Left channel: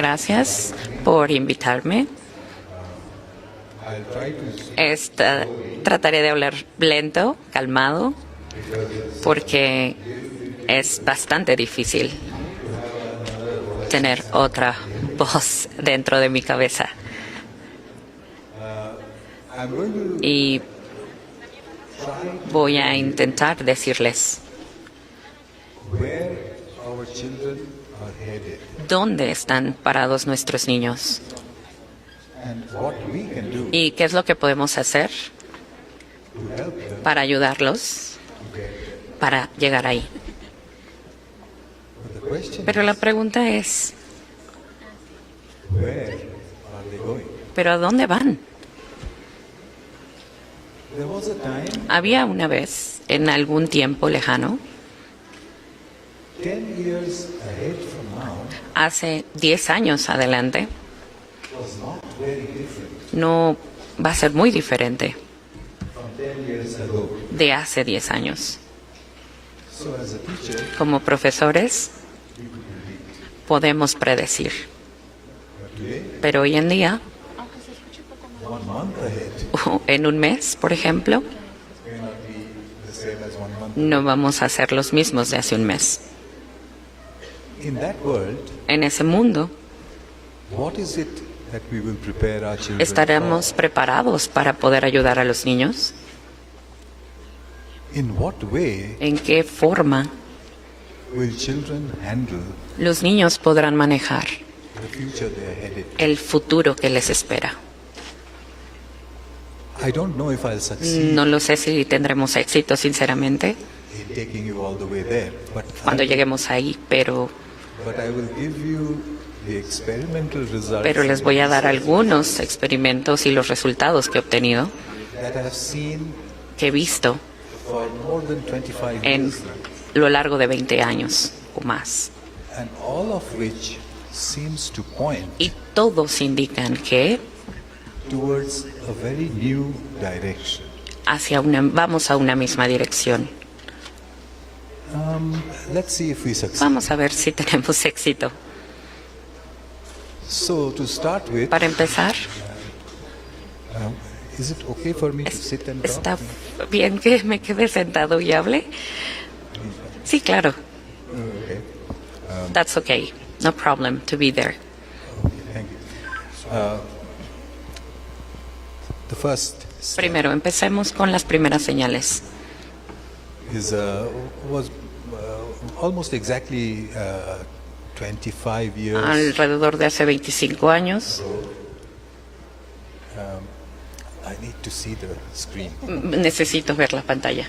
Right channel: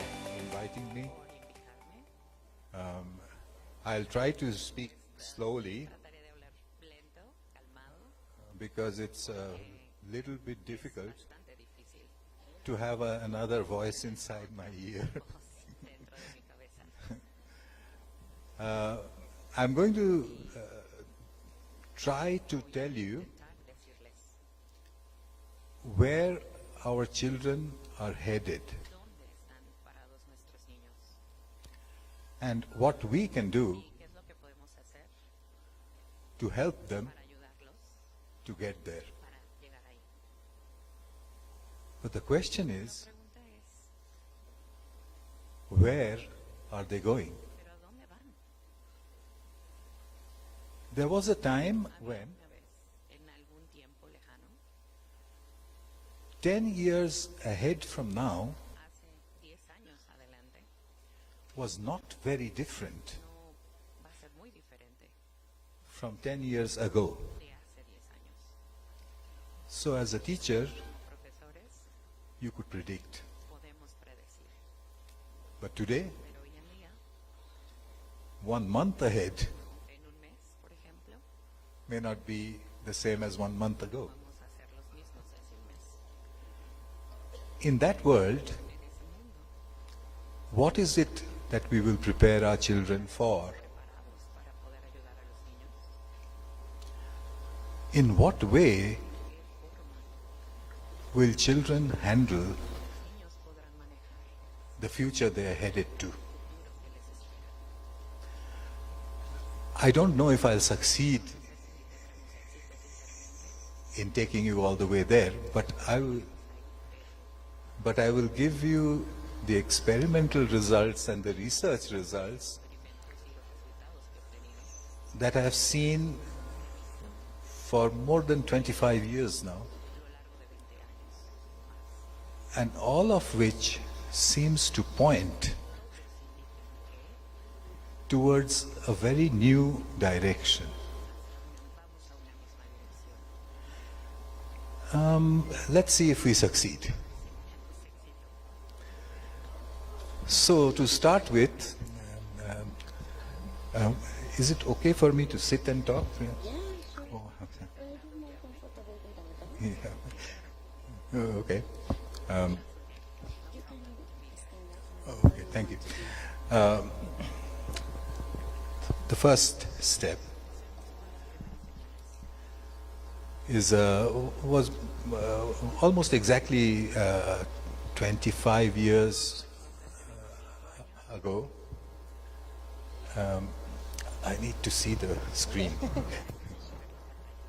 gracias por invitarme. I'll try to speak slowly Trataré de hablar lento, calmado, porque es bastante difícil to have another voice. tener otra voz dentro de mi cabeza. I'm going to Y try to voy a tell you intentar decirles where our children are headed dónde están parados nuestros niños and what we can do y qué es lo que podemos hacer to help them para ayudarlos to get there. para llegar ahí. But the question Pero la is, pregunta es, where are they going? ¿pero a dónde van? There was a time Había una vez, en algún tiempo lejano, 10 years ahead from now hace 10 años adelante, was not very different no va a ser muy diferente from 10 years ago. de hace 10 años. So as a teacher, Como profesores you could predict. podemos predecir, But today, pero hoy en día, 1 month ahead en un mes, por ejemplo, may not be the same as 1 month no ago. vamos a ser los mismos de hace un mes. In that world, En ese mundo, what is it that we will prepare our children ¿estaremos for? preparados para poder ayudar a los niños? In what way ¿En qué forma will children handle los niños podrán manejar the future they are headed to? el futuro que les espera? I don't know if I'll succeed No lo sé si tendremos éxito, sinceramente, in taking you all the way there, but cuando I will, lleguemos ahí, pero I will give you the experimental results les and voy a the dar research algunos results experimentos y los resultados que he obtenido, that I have seen que he visto for more than 25 en years now, lo largo de 20 años o más. and all of which seems to point Y todos indican que towards a very new direction. vamos a una misma dirección. Let's see if we succeed. Vamos a ver si tenemos éxito. So to start with, Para empezar, is it okay for me to sit and talk? ¿está bien que me quede sentado y hable? Sí, claro. Okay. That's okay. No problem to be there. Okay, thank you. The first step Primero, empecemos con las primeras señales. is was almost exactly 25 years Alrededor de hace 25 años, ago. I need to see the screen. necesito ver la pantalla.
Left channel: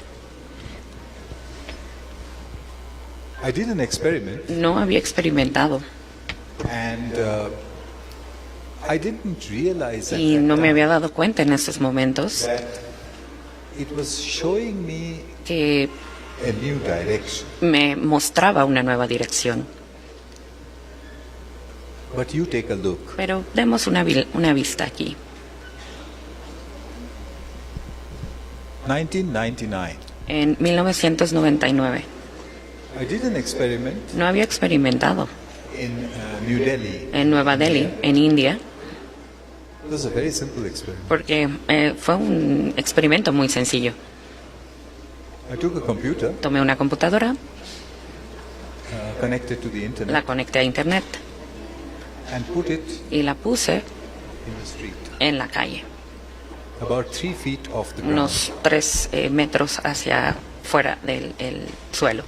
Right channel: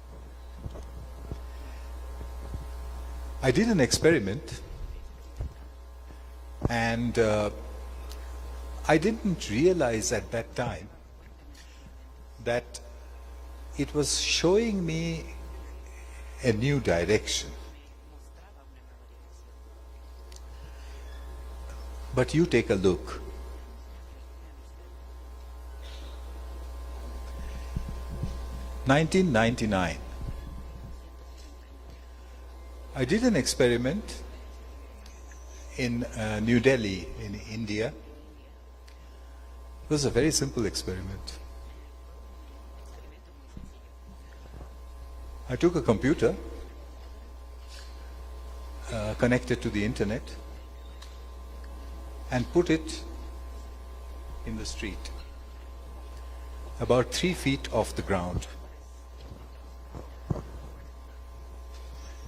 I did an experiment, No había experimentado and I didn't realize at y that no me había time dado cuenta en esos momentos that it was showing me que a new direction. me mostraba una nueva dirección. But you take a look. Pero demos una vista aquí. 1999. En 1999 I did an experiment no había experimentado in New Delhi. en Nueva Delhi, India. en India, It was a very simple experiment. porque fue un experimento muy sencillo. I took a computer, Tomé una computadora, connected to the la internet, conecté a internet and put it y la puse in the street, en la calle, about 3 feet off the ground, unos 3 metros hacia fuera del el suelo,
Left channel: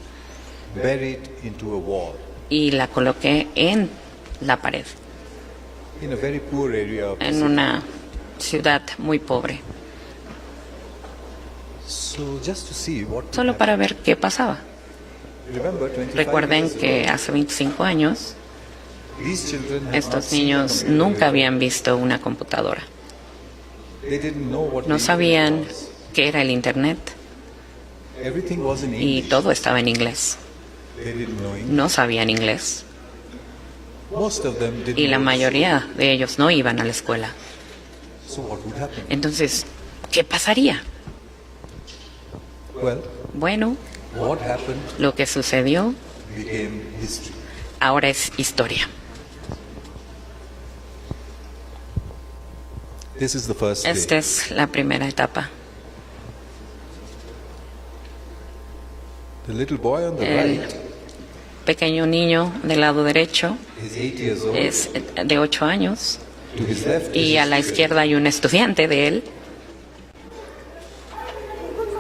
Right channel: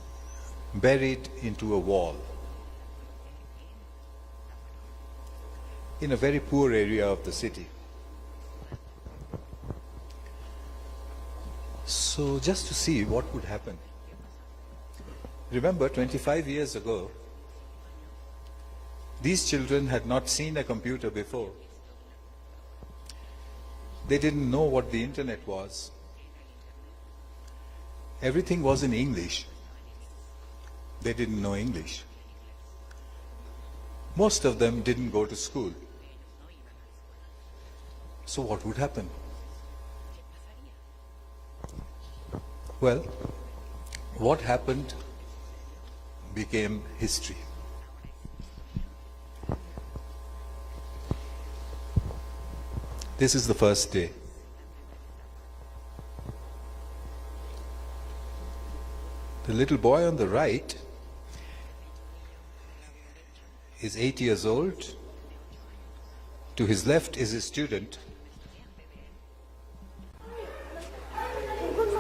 buried into a wall, y la coloqué en la pared, in a very poor area of the en city. una ciudad muy pobre, So just to see what would solo happen. para ver qué pasaba. Remember, 25 Recuerden years que ago, hace 25 años these children had not estos seen a niños computer nunca before. habían visto una computadora. They didn't know what No the sabían internet was. qué era el Internet Everything was in y English. todo estaba en inglés. They didn't know English. No sabían inglés Most of them didn't y la go to mayoría de ellos no iban a la escuela. school. So what would happen? Entonces, ¿qué pasaría? Well, Bueno, what happened lo que sucedió became history. ahora es historia. This is the first day. Esta es la primera etapa. The little boy on the right Pequeño niño del lado derecho is 8 years old. es de 8 años To his left is y a a la student. izquierda hay un estudiante de él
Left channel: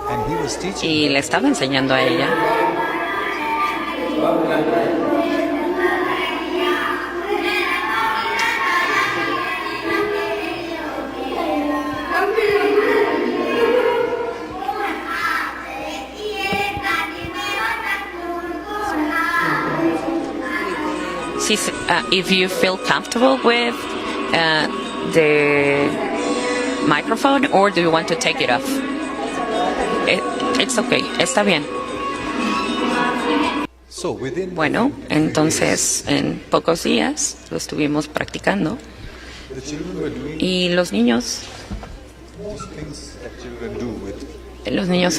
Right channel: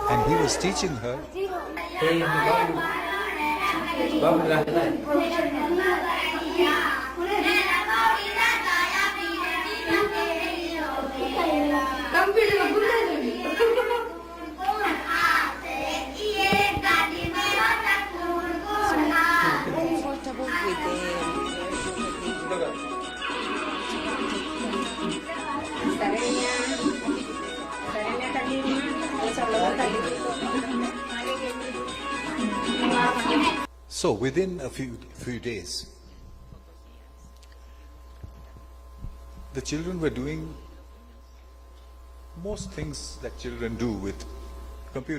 And he was teaching y her. le estaba enseñando a ella. If you feel comfortable with the microphone, or do you want to take it off? It's okay, está bien. So within Bueno, a few entonces en pocos días lo estuvimos practicando days, the children were doing y los niños things that children do with.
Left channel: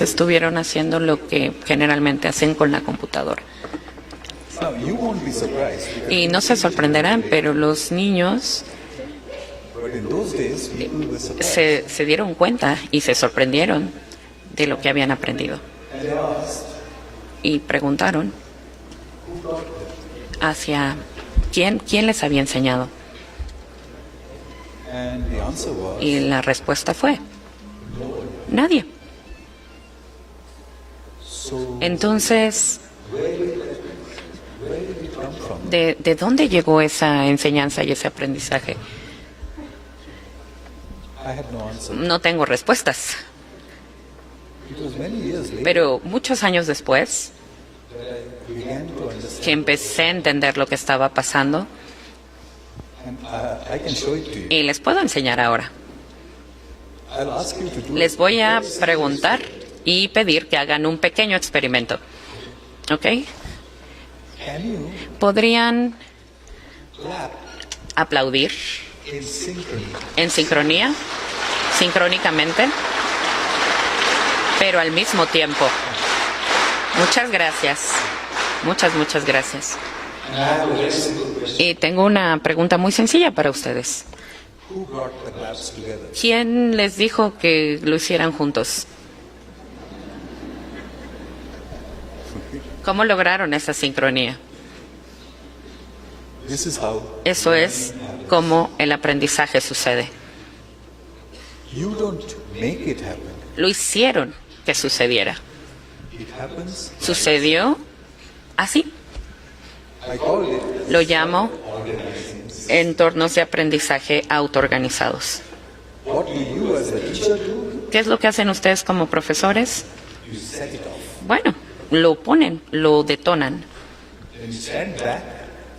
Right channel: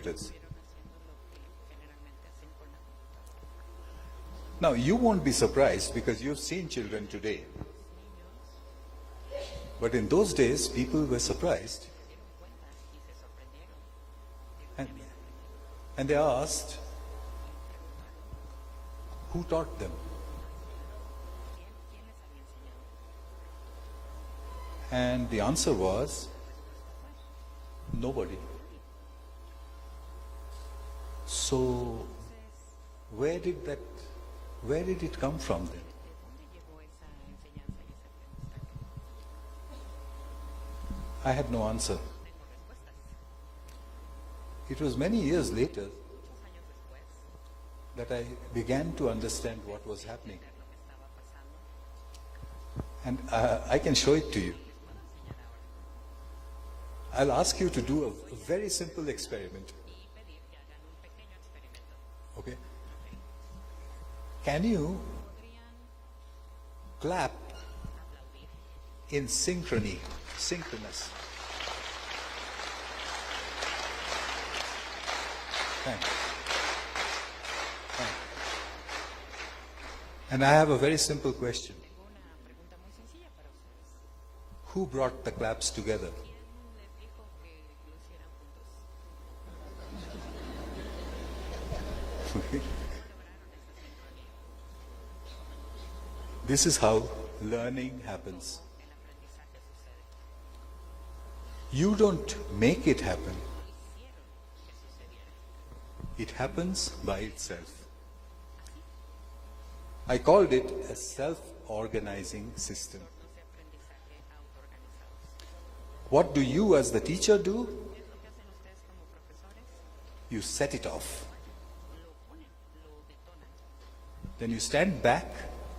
estuvieron haciendo lo que generalmente hacen con la computadora. Now you won't be surprised because Y you've no se seen sorprenderán, children pero los niños today. But in those days, people were surprised, se dieron cuenta y se sorprendieron de lo que habían aprendido. and they asked, Y preguntaron "Who taught them?" hacia quién les había enseñado. And the answer was, Y la respuesta fue, nobody. nadie. So Entonces, where did it come from? ¿de dónde llegó esa enseñanza y ese aprendizaje? I had no answer. No tengo respuestas. It was many years later Pero muchos años después, that I began to que understand, empecé a entender lo que estaba pasando, and I can show it to you. y les puedo enseñar ahora. I'll ask you to do Les voy a very simple preguntar experiment. y pedir que hagan un pequeño experimento. ¿Ok? Can you ¿Podrían clap aplaudir in synchrony? en sincronía, sincrónicamente, pero al mismo tiempo? Muchas gracias. Muchas gracias. And I have a very simple question. Y tengo una pregunta muy sencilla para ustedes. Who brought the claps together? ¿Quién les dijo que lo hicieran juntos? ¿Cómo lograron esa sincronía? This is how Eso es learning happens. cómo el aprendizaje sucede. You don't make it happen. Lo hicieron que sucediera. It happens. Sucedió así. I called it Lo llamo organizing. entornos de aprendizaje autoorganizados. What do you as the teacher do? ¿Qué es lo que hacen ustedes como profesores? You set it off. Bueno, lo ponen, lo detonan. Then you stand back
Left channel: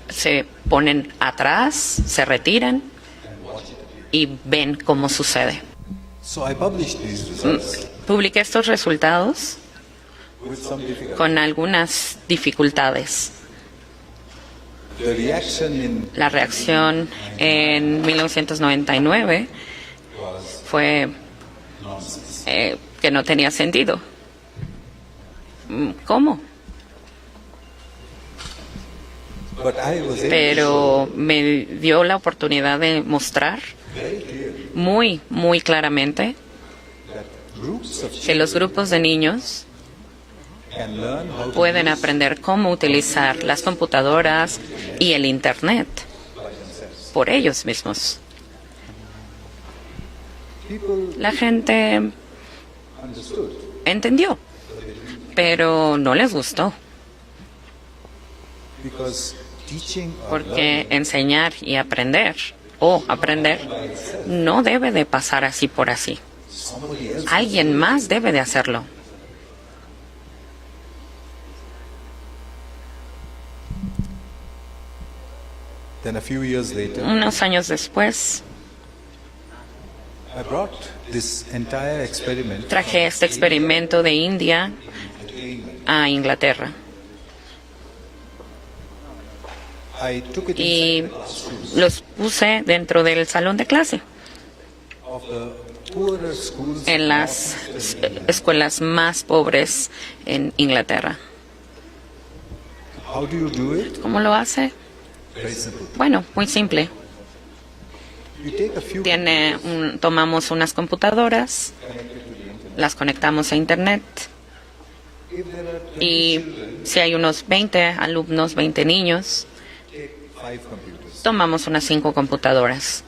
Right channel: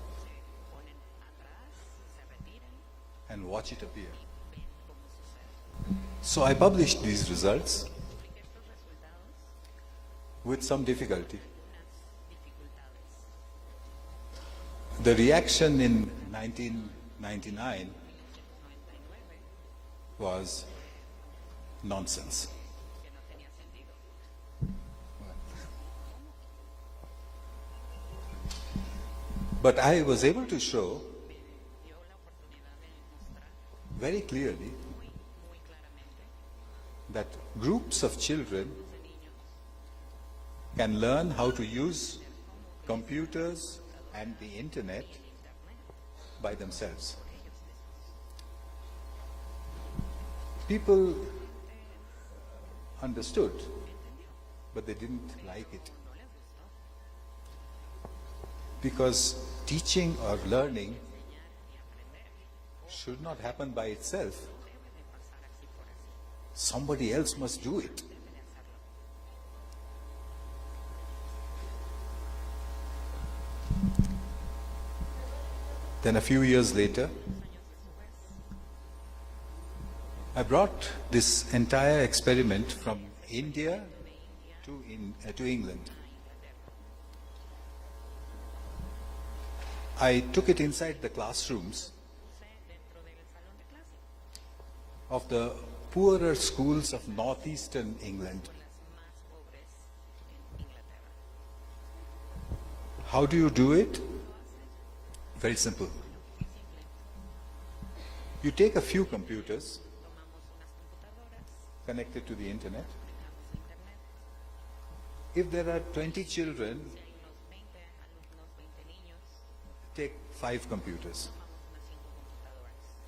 Se ponen atrás, se retiran and watch it appear. y ven cómo sucede. So I published these results Publiqué estos resultados with some difficulty. con algunas dificultades. The reaction in La reacción en 1999 was fue nonsense. que no tenía sentido. ¿Cómo? But I was able Pero me dio la oportunidad de mostrar to show very clearly muy claramente that groups of que los children grupos de niños can learn how to pueden use aprender cómo utilizar las computadoras y el Internet by themselves. por ellos mismos. People La gente understood, entendió, but they didn't, pero no les gustó, because teaching or porque learning enseñar y aprender o aprender by itself, no debe de pasar así por así. somebody else must Alguien do it. más debe de hacerlo. Then a few years later, Unos años después I brought this entire experiment traje este from experimento de India India to England. a Inglaterra I took it y inside the classrooms los puse dentro del salón de clase of the poorer schools en of las northeastern England. escuelas más pobres en Inglaterra. How do you do it? ¿Cómo lo hace? Very simple. Bueno, muy simple. You take a few computers tomamos unas computadoras, connected to the internet. las conectamos a Internet If there are 20 y children, si hay unos 20 alumnos, 20 niños, take 5 computers. tomamos unas 5 computadoras,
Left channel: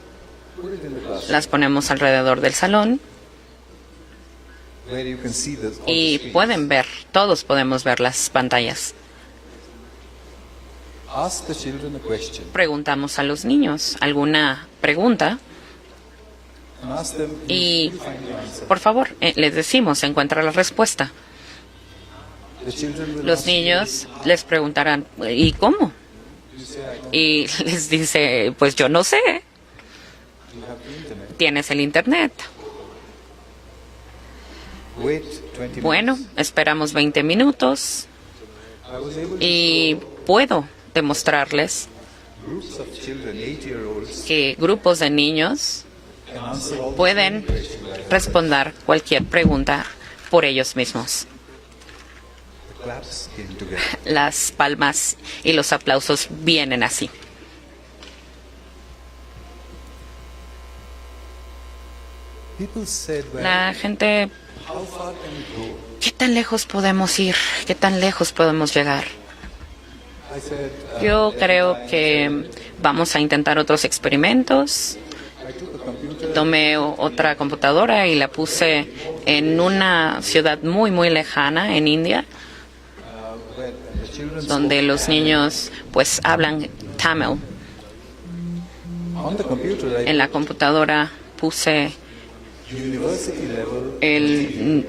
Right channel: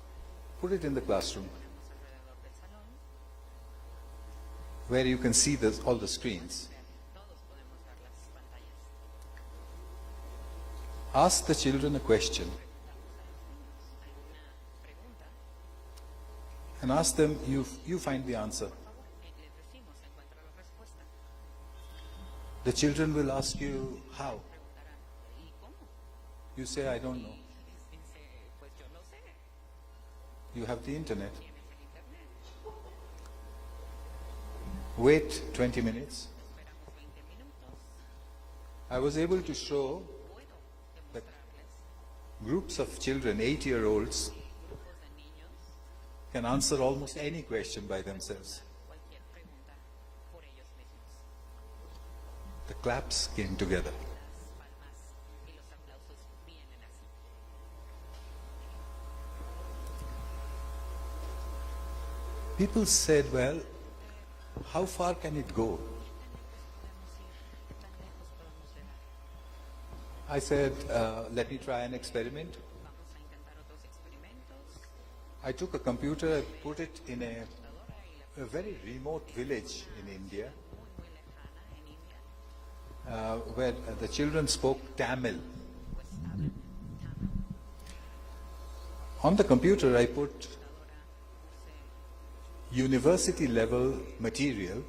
Put it in the classroom las ponemos alrededor del salón where you can see all the y screens. pueden ver, todos podemos ver las pantallas. Ask the children a question Preguntamos a los niños alguna pregunta and ask them, y, you find the answer. por favor, les decimos, encuentra la respuesta. The children will Los ask you, niños les preguntarán, ¿y cómo? you say, I don't Y les dice, pues yo no sé, you have the internet. tienes el Internet. Wait 20 Bueno, minutes. esperamos 20 minutos I was able to y puedo demostrarles show groups of children, 8-year-olds, que grupos de niños can answer all the pueden questions by themselves. responder cualquier pregunta por ellos mismos. The claps came together. Las palmas y los aplausos vienen así. People said, well, La gente, how far can it go? ¿qué tan lejos podemos ir? ¿Qué tan lejos podemos llegar? I said, Yo let me creo try an que experiment. vamos a intentar otros experimentos. I took a computer, Tomé otra computadora y la puse en una ciudad muy, muy lejana en India, where the children donde spoke los Tamil. niños pues hablan Tamil. On the computer, I En la put computadora puse university level material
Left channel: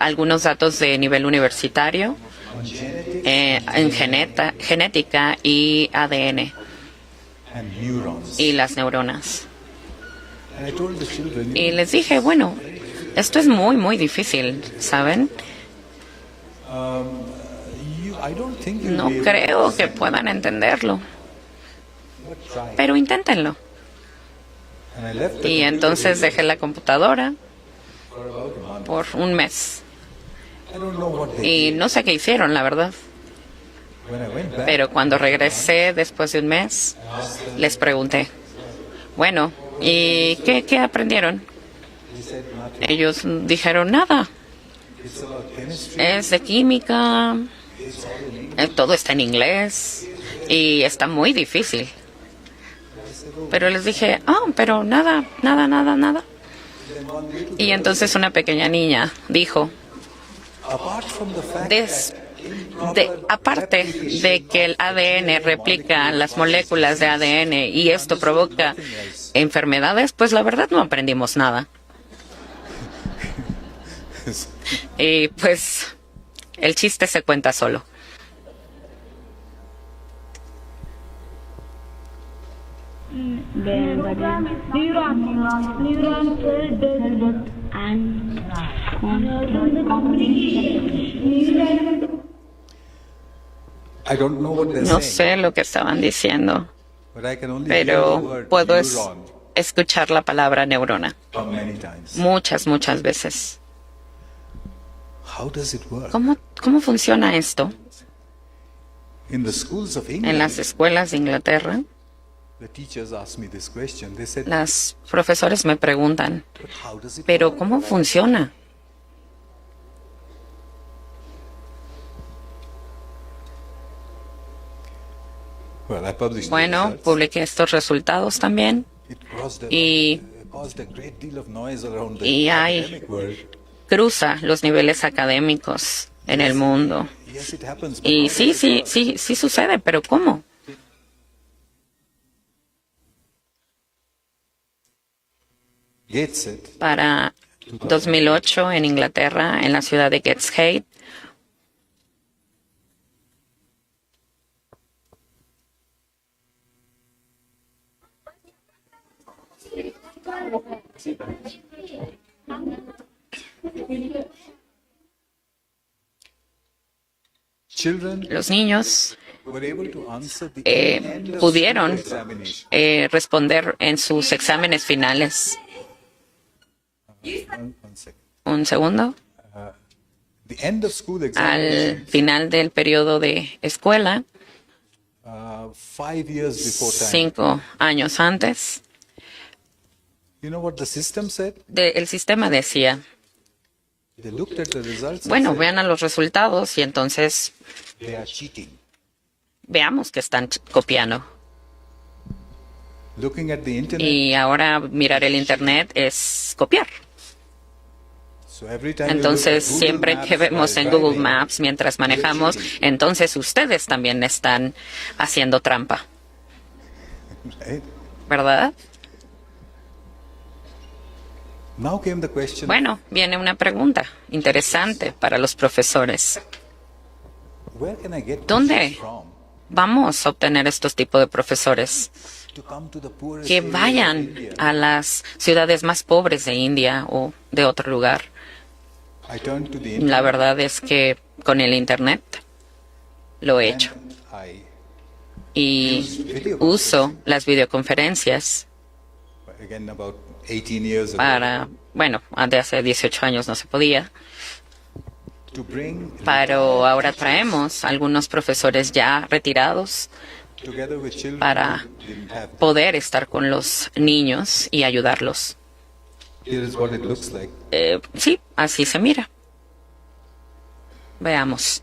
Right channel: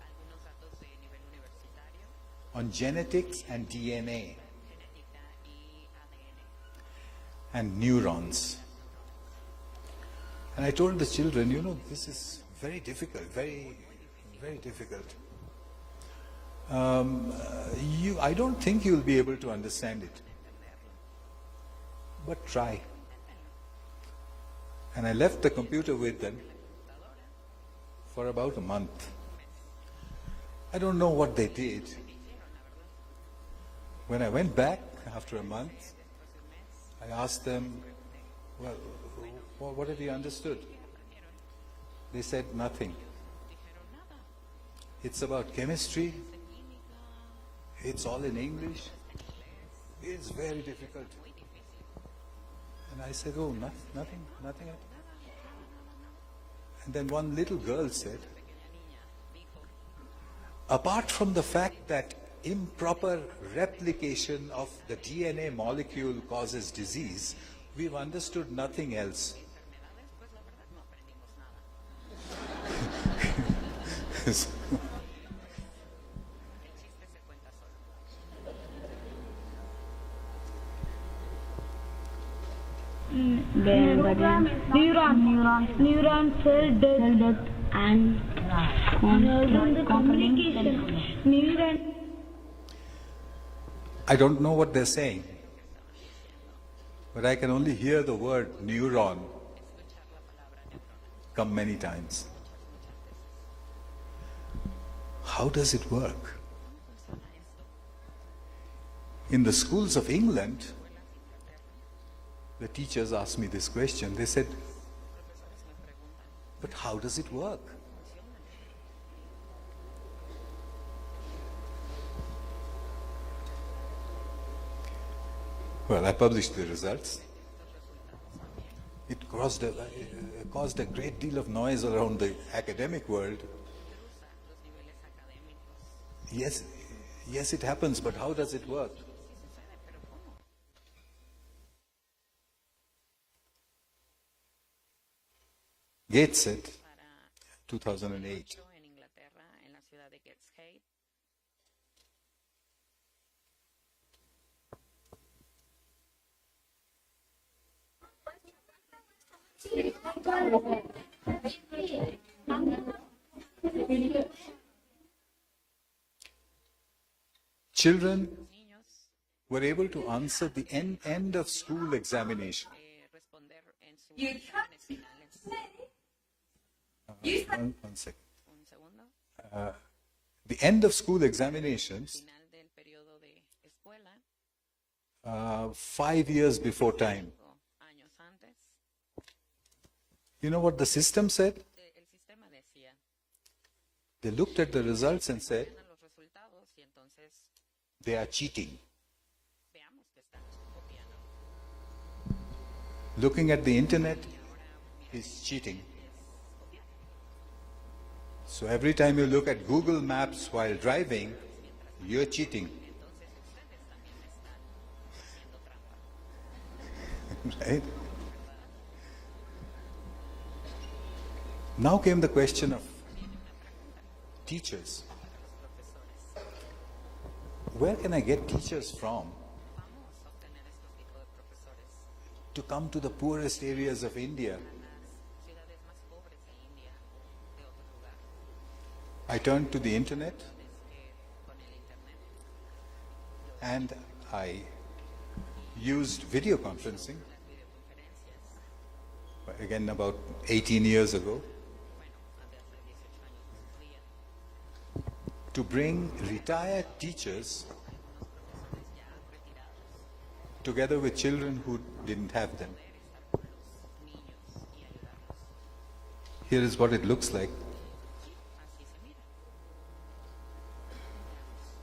algunos datos de nivel universitario on genetics en genética y ADN and neurons. y las neuronas. And I told the children, Y les dije, bueno, esto es muy, muy difícil, ¿saben? I don't think you'll No be able to creo que understand, puedan entenderlo, but try. pero inténtenlo. And I left the Y computer entonces with them dejé la computadora for about a month. por un mes. I don't know what they Y did. no sé qué hicieron, la verdad. When I went back, Pero cuando after a regresé después de un mes, month, I asked them, les pregunté, bueno, ¿y qué aprendieron? they said nothing. Ellos dijeron nada. It's about chemistry. Es de química, It's all in English. todo está en inglés y está muy difícil. I said, oh. Pero les dije, pero nada. Then one little Y girl entonces una pequeña niña dijo, apart from the fact Des- that improper aparte replication de que el of the ADN DNA replica molecule las causes moléculas de disease, ADN y we esto understood provoca nothing else. enfermedades, pues la verdad no aprendimos nada. Y pues el chiste se cuenta solo. Neuron cell death and communication. I don't know what they're No saying, sé lo que estaban diciendo, but I can only hear the pero word puedo neuron escuchar la palabra neurona come many times. muchas veces. How does it work? ¿Cómo funciona esto? In the schools of En las England, escuelas de Inglaterra, the teachers asked me this question. They said, los profesores me preguntan, but how does it ¿pero work? cómo funciona? Well, I published the Bueno, results. publiqué estos resultados también It caused y- caused a great deal of noise around the y hay- academic world. cruza los niveles académicos en el mundo. Yes, it happens, but Y how does sí, it sí, work? sí sucede, pero ¿cómo? Gateshead, Para 2008 en Inglaterra, en la ciudad de Gateshead, children los niños were able to answer the end of pudieron school examination. responder en sus exámenes finales. One second. Un segundo. The end of school Al examination, final del periodo de escuela, 5 years before time, 5 años antes, You know what the system said? El sistema decía, They looked at the results bueno, and said, vean a los resultados y entonces they are cheating. veamos que están copiando. Looking at the internet, Y ahora mirar el Internet es copiar. so every time you look at Entonces, Google siempre Maps que vemos while en Google driving, Maps mientras manejamos, cheating. entonces ustedes también están haciendo trampa, right? ¿verdad? Now came the question, Bueno, viene una pregunta interesante para los profesores. where can I get ¿Dónde? teachers from Vamos a obtener estos tipos de profesores to come to the poorest que areas of vayan India? a las ciudades más pobres de India o de otro lugar. I turned to the La internet verdad es que con el Internet lo he hecho and I y used video uso conferencing. las videoconferencias again about 18 years ago para, bueno, de hace 18 años no se podía, to bring pero retired ahora teachers traemos algunos profesores ya retirados together with children para who didn't have them. poder estar con los niños y ayudarlos. Here is what it looks like. Sí, así se mira. Veamos.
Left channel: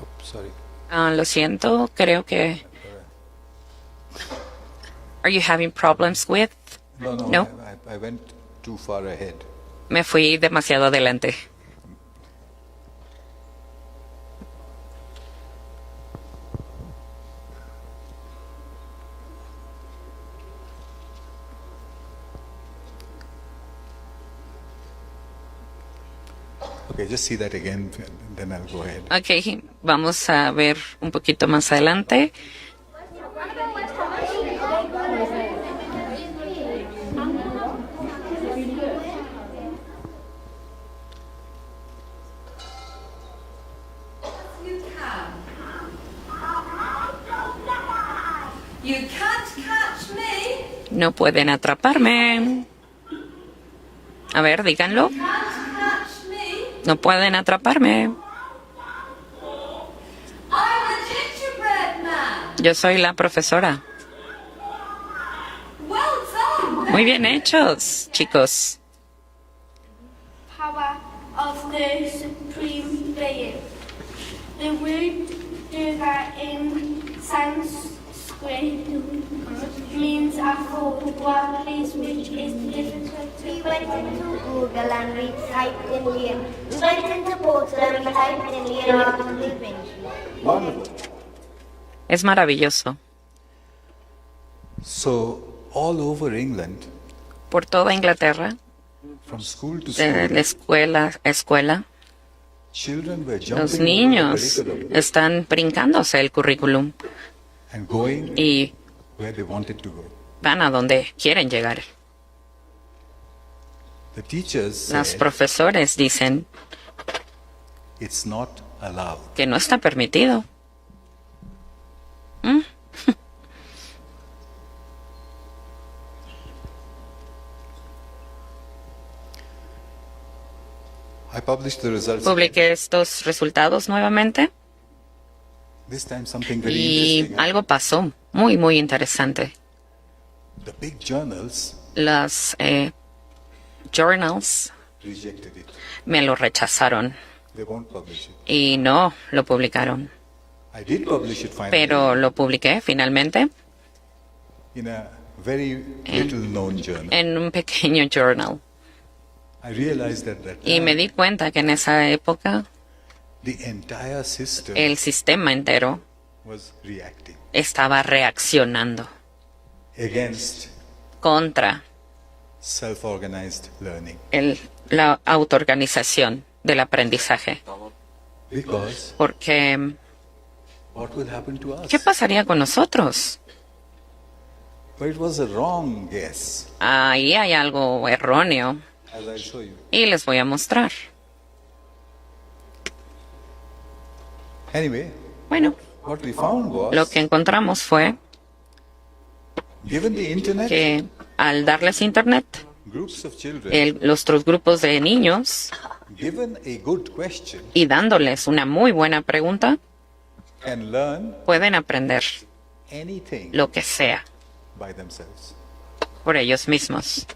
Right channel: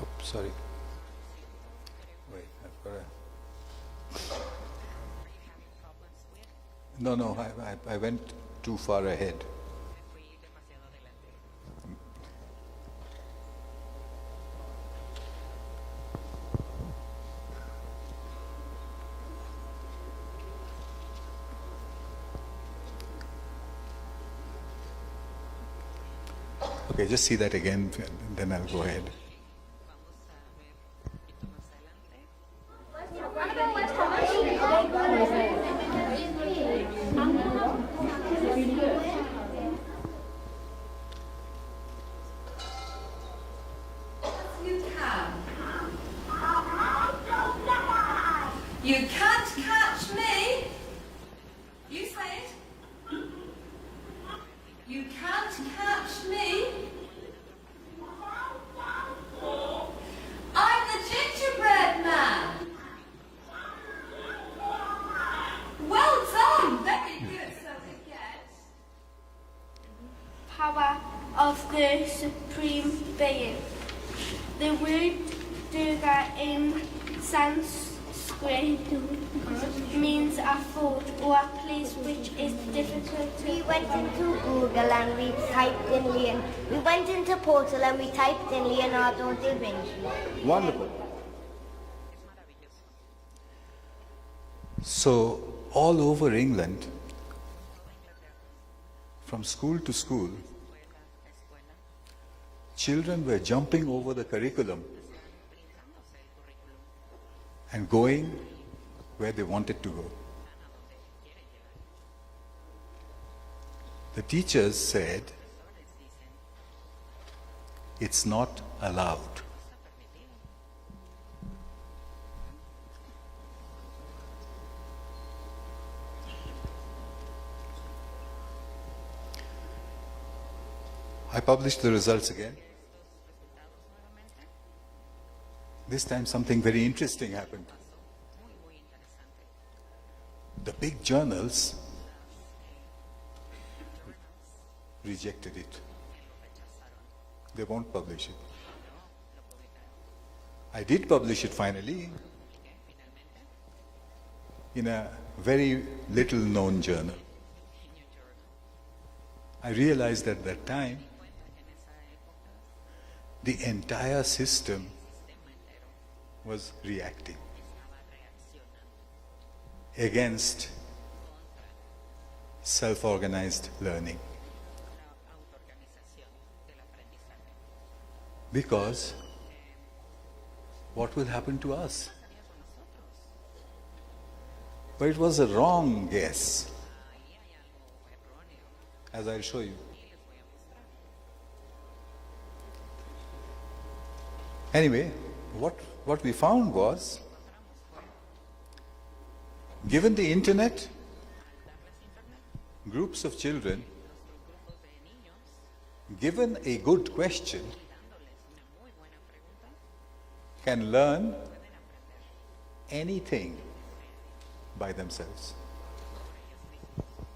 Oh, sorry. Lo siento, creo que... Are you having problems with? No, No. I went too far ahead. Me fui demasiado adelante. Okay, just see that again, and then I'll go ahead. Ok, vamos a ver un poquito más adelante. You can't catch me. No pueden atraparme. A ver, díganlo. Can't catch me. No pueden atraparme. I'm the gingerbread man. Yo soy la profesora. Well done. Muy bien hechos, chicos. Power of the Supreme Being. The word Durga in Sanskrit means a fort or a place which is difficult to We went into Google and we typed in Leon. We went into Portal and we typed in Leonardo da Vinci. Wonderful. Es maravilloso. So, all over England, Por toda Inglaterra, from school to de school, escuela a escuela, children were los jumping over the niños curriculum están brincándose el currículum and going y where they wanted to go. van a donde quieren llegar. The teachers Los said profesores dicen it's not allowed. que no está permitido. I published the results again. Publiqué estos resultados nuevamente This time something very y interesting. algo pasó muy, muy interesante. The big journals Las journals rejected it. me lo rechazaron They won't publish it. y no lo publicaron. I did publish it finally Pero lo publiqué finalmente in a very little known journal. en un pequeño journal. I realized at that Y me time di cuenta que en esa época the entire system el sistema entero was reacting estaba reaccionando against contra self-organized learning la autoorganización del aprendizaje. because Porque, what will happen to us? ¿qué pasaría con nosotros? But it was a wrong guess, Ahí hay algo erróneo as I'll show you. y les voy a mostrar. Anyway, Bueno, What we found lo was, que encontramos fue given the internet, que al darles internet, groups of children, los otros grupos de niños, given a good question, y dándoles una muy buena pregunta, can learn pueden aprender anything lo que sea by themselves. por ellos mismos,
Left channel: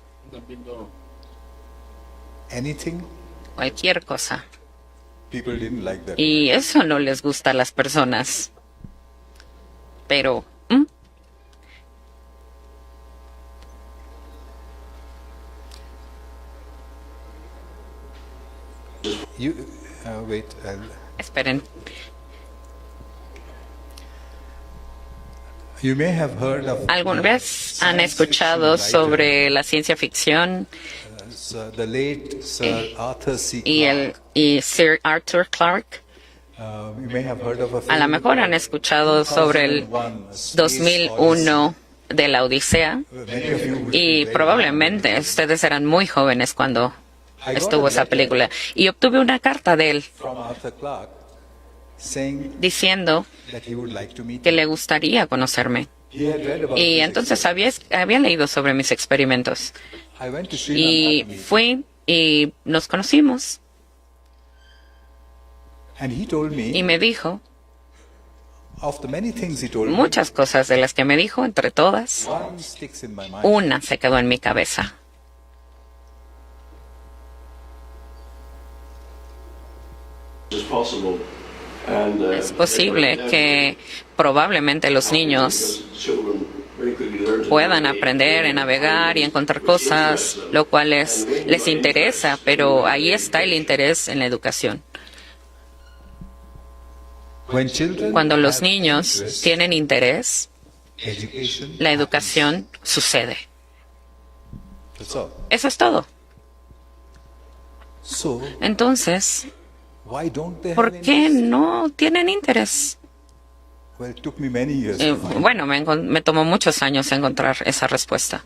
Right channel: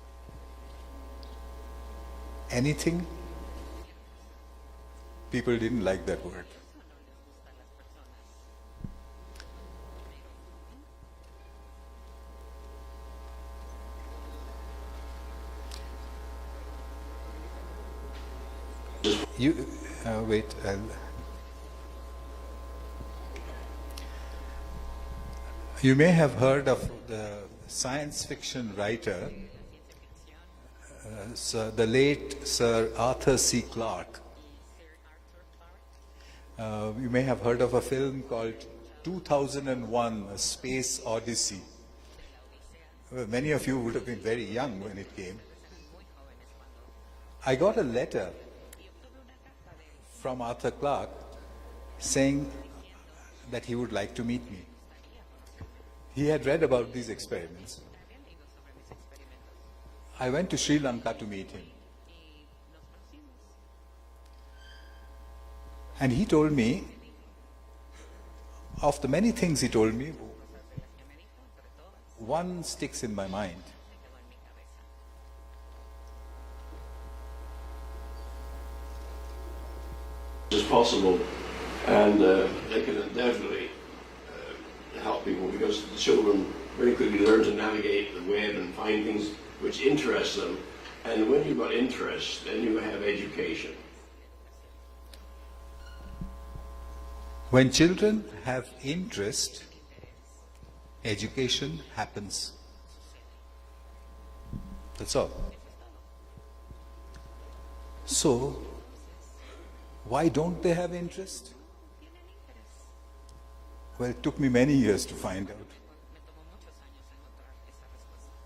Anything. cualquier cosa. People didn't like that. Y eso no les gusta a las personas. Pero, You wait. esperen, You may have heard of ¿alguna vez han escuchado sobre la ciencia ficción the late Sir Arthur C. Clarke. y Sir Arthur Clarke? You may have heard of a A film lo mejor han called escuchado sobre el 2001, A Space 2001 de la Odisea, Odyssey. Many of you would be y very probablemente young. ustedes eran muy jóvenes cuando I got estuvo a esa letter película. Y obtuve una carta de él from Arthur Clarke saying diciendo that he would like to meet que me. le gustaría conocerme. He had read about Y these entonces experiments. había leído sobre mis experimentos. I went to Sri Lanka Y to meet him. fui y nos conocimos. And he told Y me, me dijo of the many things he told me, muchas cosas de las que me dijo, entre todas, one sticks in my mind. una se quedó en mi cabeza. Es posible Es posible que probablemente los niños puedan aprender a navegar y encontrar cosas, lo cual les interesa, pero ahí está el interés en la educación. When children Cuando los have niños interest, tienen interés, education la happens. educación sucede. That's all. Eso es todo. So, Entonces, why don't they ¿por have qué interest? no tienen interés? Well, it took me many years to find. Bueno, me tomó muchos años encontrar esa respuesta.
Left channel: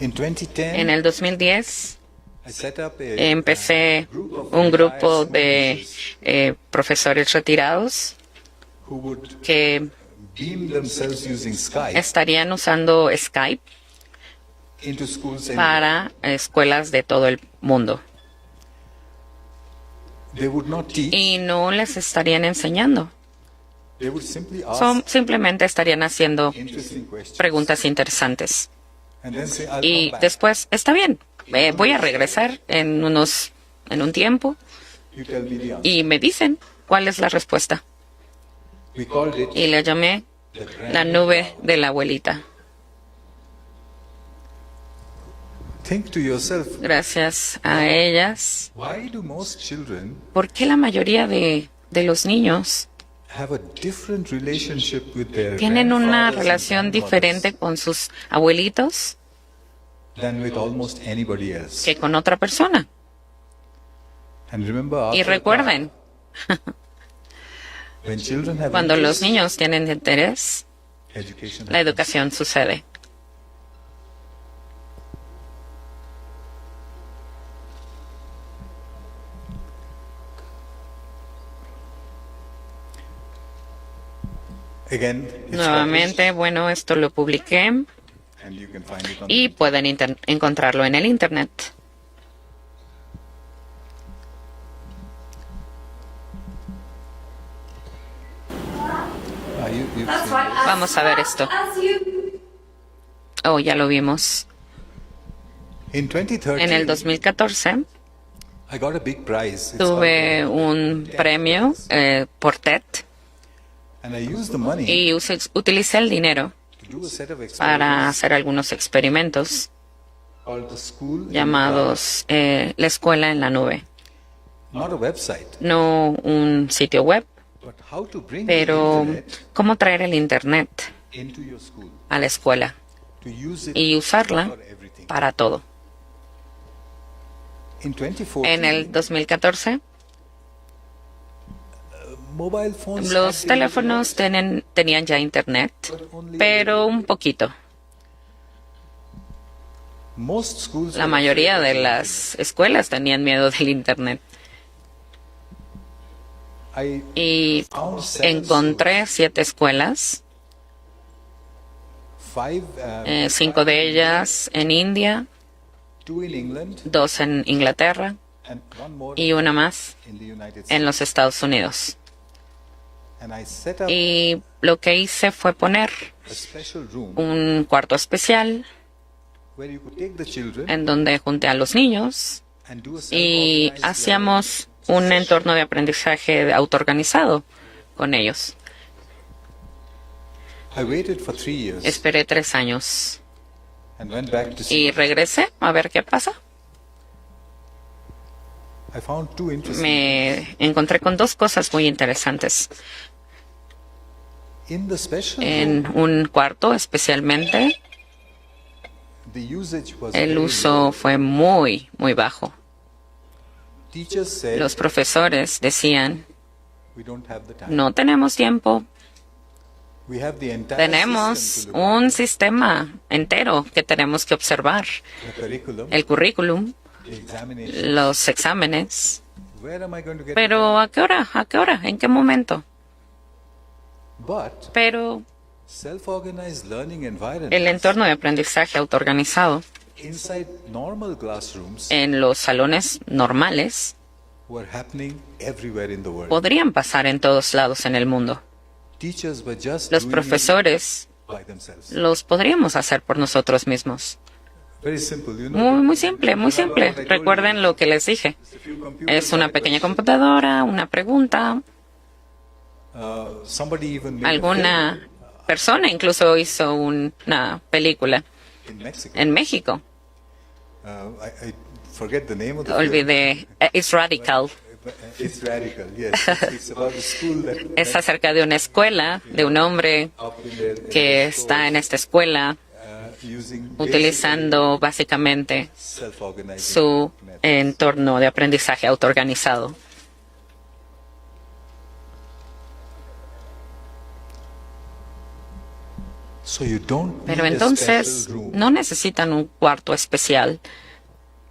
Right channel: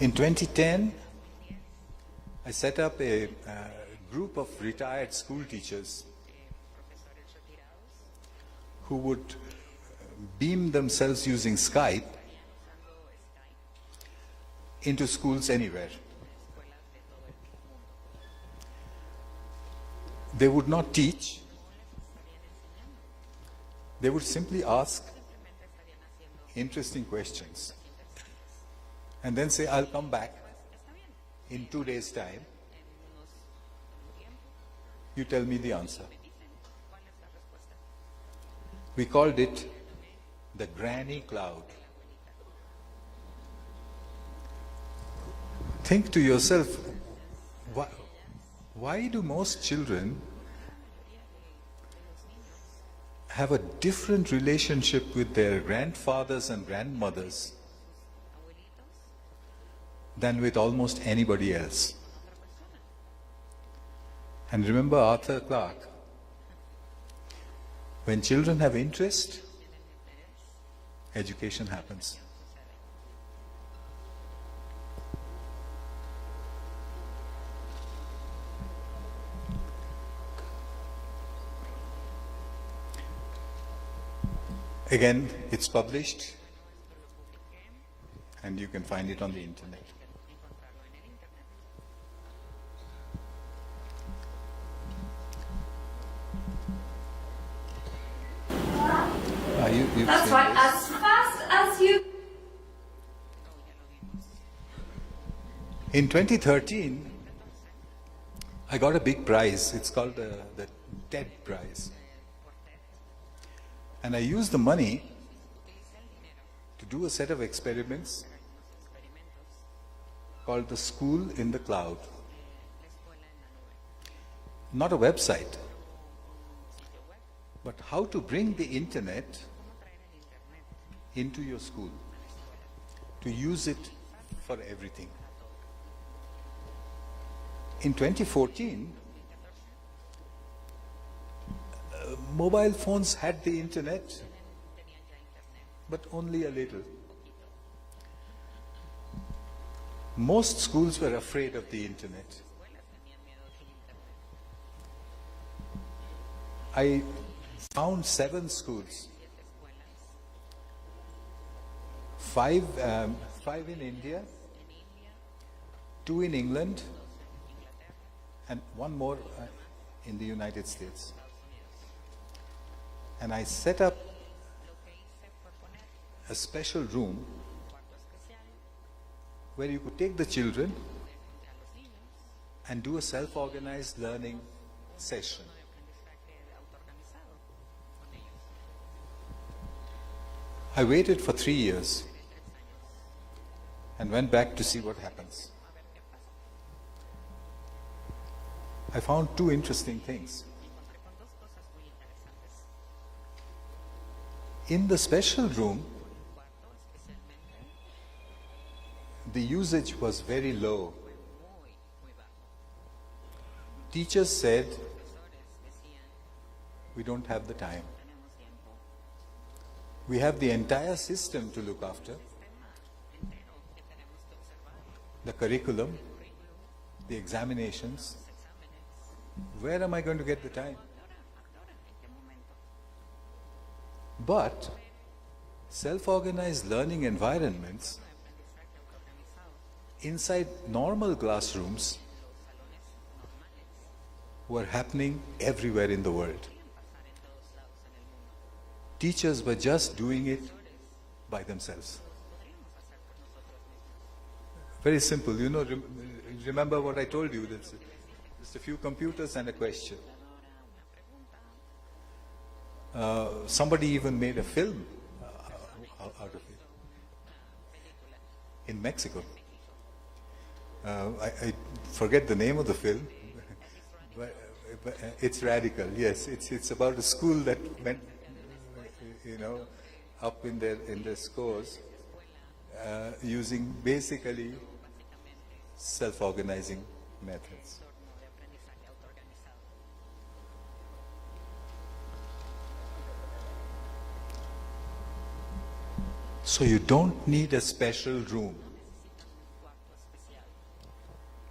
In 2010, En el 2010 I set up a empecé group of un retired grupo school de teachers profesores retirados who would que beam themselves using Skype estarían usando Skype into schools anywhere. para escuelas de todo el mundo. They would not teach. Y no les estarían enseñando. They would simply ask Simplemente estarían haciendo interesting questions. preguntas interesantes. And then say, I'll Y come back. después, está bien, voy a regresar en un tiempo You tell me the answer. y me dicen cuál es la respuesta. We called it Y le llamé the Granny la nube Cloud. de la abuelita. Think to yourself, Gracias a ellas. why do most children ¿Por qué la mayoría de los niños have a different relationship with their tienen una grandfathers and relación diferente grandmothers con sus abuelitos than with almost anybody else? que con otra persona? And remember, Y Arthur recuerden, Clarke, when children have cuando los interest, niños tienen interés, education la happens. educación sucede. Again, it's Nuevamente, bueno, esto lo publiqué published, and you can find it on y the pueden encontrarlo en el Internet. you've That's seen right. this. Vamos a ver esto. As you Oh, ya lo vimos. In 2013, En el 2014 I got a big prize. It's tuve called the un TED premio Prize. por TED And I used the money y utilicé el dinero to do a set of para experiments hacer algunos experimentos called the School in the llamados la escuela en la nube. Cloud. Not a website, No un sitio web, but how to bring pero the internet cómo traer el Internet into your school, a la escuela to use it y usarla for everything. para todo. In 2014, En el 2014, mobile phones had los the teléfonos internet, tenían ya Internet, but only a pero little. un poquito. Most schools La were mayoría afraid de of the las escuelas tenían miedo del Internet. internet. I y found 7 encontré 7 escuelas, schools, 5 de ellas en India, 2 in England, 2 en Inglaterra and 1 more y una más in the United States. en los Estados Unidos. And I set up Y lo que hice fue poner a special room un cuarto especial where you could take the children en donde junté a los niños and do a y self-organized hacíamos learning un session. entorno de aprendizaje autoorganizado con ellos. I waited for 3 years Esperé 3 años and went back to see. y regresé a ver qué pasa. I found 2 interesting things. Me encontré con 2 cosas muy interesantes. In the special En room, un cuarto especialmente, the usage was el very uso low. fue muy, muy bajo. Teachers said, Los profesores decían, we don't have the time. no tenemos tiempo, We have the entire tenemos system to look un after. sistema entero que tenemos que observar. The curriculum, El currículum, the examinations. los exámenes. Where am I going to get Pero the ¿a qué hora? ¿A qué hora? ¿En qué momento? time? But Pero self-organized learning environments el entorno de aprendizaje autoorganizado inside normal classrooms en los salones normales were happening everywhere in the world. podrían pasar en todos lados en el mundo. Teachers were just Los doing profesores it by themselves. los podríamos hacer por nosotros mismos. Very simple, you know. Muy simple, muy remember simple. what I told Recuerden you? lo que les dije. Just a few computers Es una and a pequeña question. computadora, una pregunta. Somebody even made a Alguna persona incluso hizo una película film in Mexico. en México. I forget the name of the film. Olvidé. It's Radical. It's radical, yes. It's about a school that Es acerca de una escuela, de un hombre up in their, in que their está en stores, esta escuela using utilizando básicamente basically self-organizing su methods. entorno de aprendizaje autoorganizado. So you don't need Pero a entonces special room. no necesitan un cuarto especial,